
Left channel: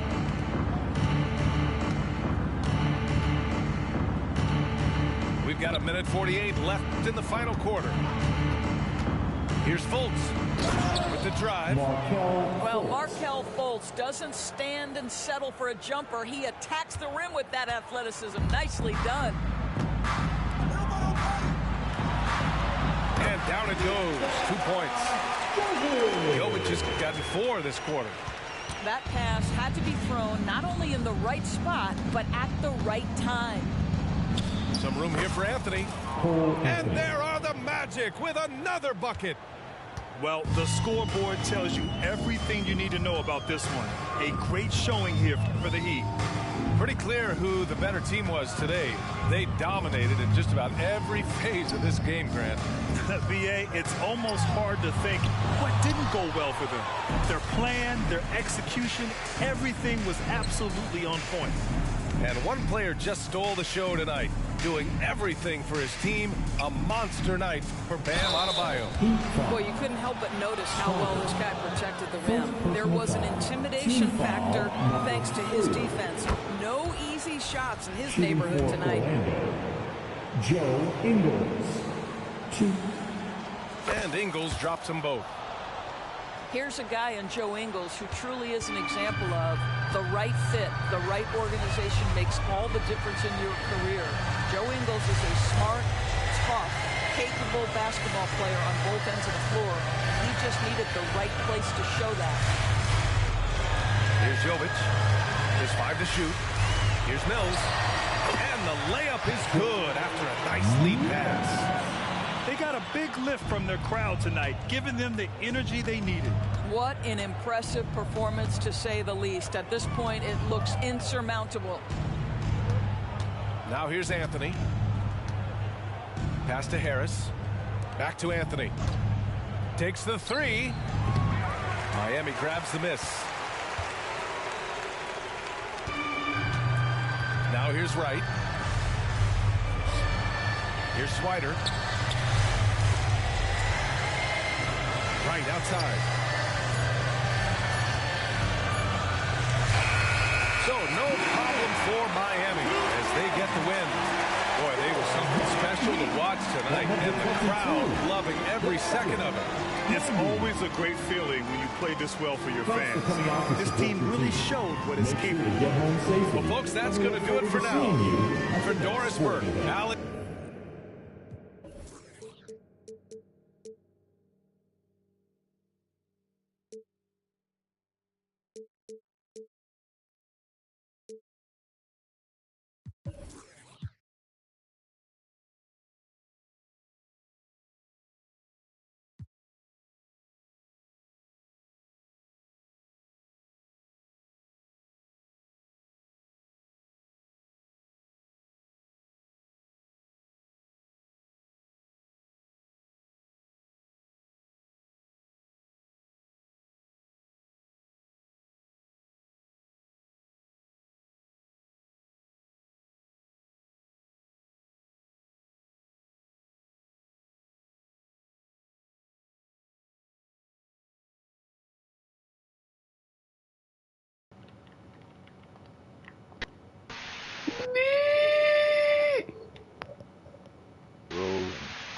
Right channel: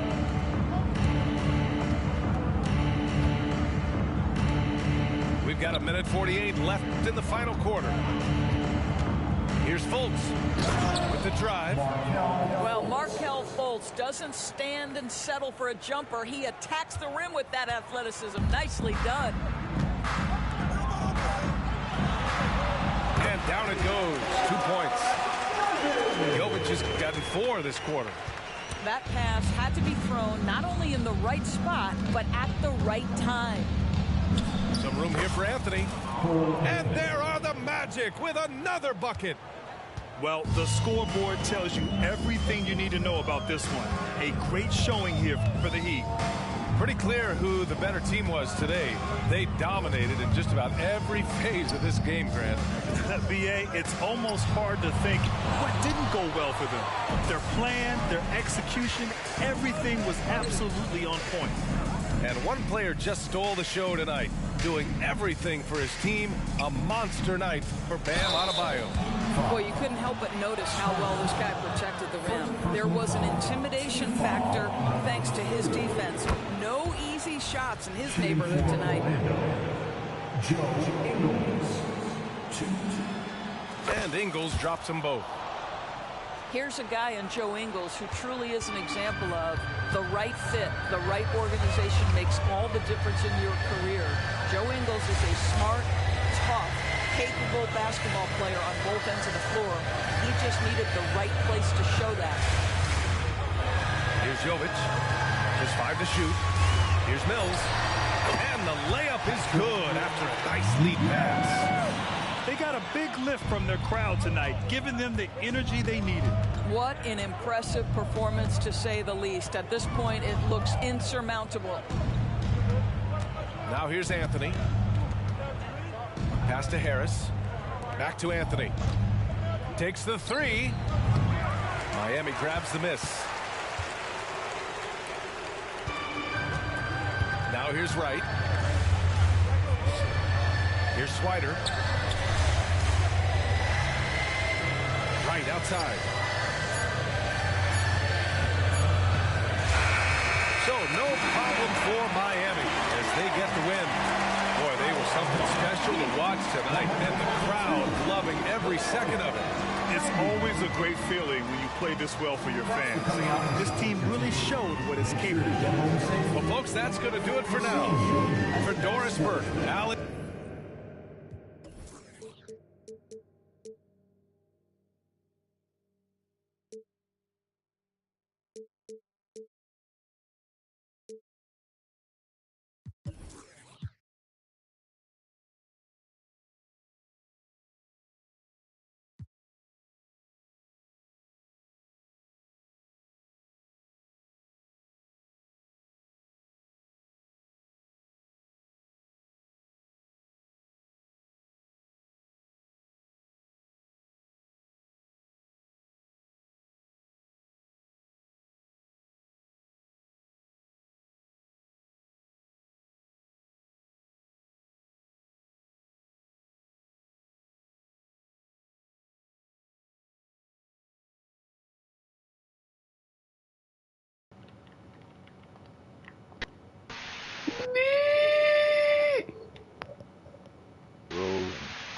We've got 1:48 left in the final quarter. Here's Fultz with the drive. Well, Markelle Fultz doesn't stand and settle for a jumper. He attacks the rim with that athleticism. Nicely done. And down it goes. 2 points. Jovic has gotten 4 this quarter. That pass had to be thrown not only in the right spot, but at the right time. Some room here for Anthony. And there are the Magic with another bucket. Well, the scoreboard tells you everything you need to know about this one. A great showing here for the Heat. Pretty clear who the better team was today. They dominated in just about every phase of this game, Grant. BA, it's almost hard to think what didn't go well for them. Their plan, their execution, everything was absolutely on point. And one player just stole the show tonight, doing everything for his team. A monster night for Bam Adebayo. Boy, you couldn't help but notice how well this guy protected the rim. There was an intimidation factor thanks to his defense. No easy shots in his neighborhood tonight. Joe Ingles. 2. And Ingles drops them both. Here's a guy in Joe Ingles who truly is an example of the right fit, the right organization makes all the difference in your career. Joe Ingles is a smart, tough, capable basketball player on both ends of the floor. He just needed the right place to show that. Here's Jovic. Just 5 to shoot. Here's Mills. And the layup is good after a nice lead pass. They got a big lift from their crowd tonight, giving them the energy they needed. What an impressive performance, to say the least. At this point, it looks insurmountable. Now here's Anthony. Pass to Harris. Back to Anthony. Takes the 3. Miami grabs the miss. Now here's Wright. Here's Swider. Right outside. So no problem for Miami as they get the win. Boy, they were something special to watch tonight, and the crowd loving every second of it. It's always a great feeling when you play this well for your fans. This team really showed what it's capable of. Well, folks, that's going to do it for now. For Doris Burke, Alex.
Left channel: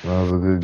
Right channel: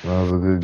That was a good game.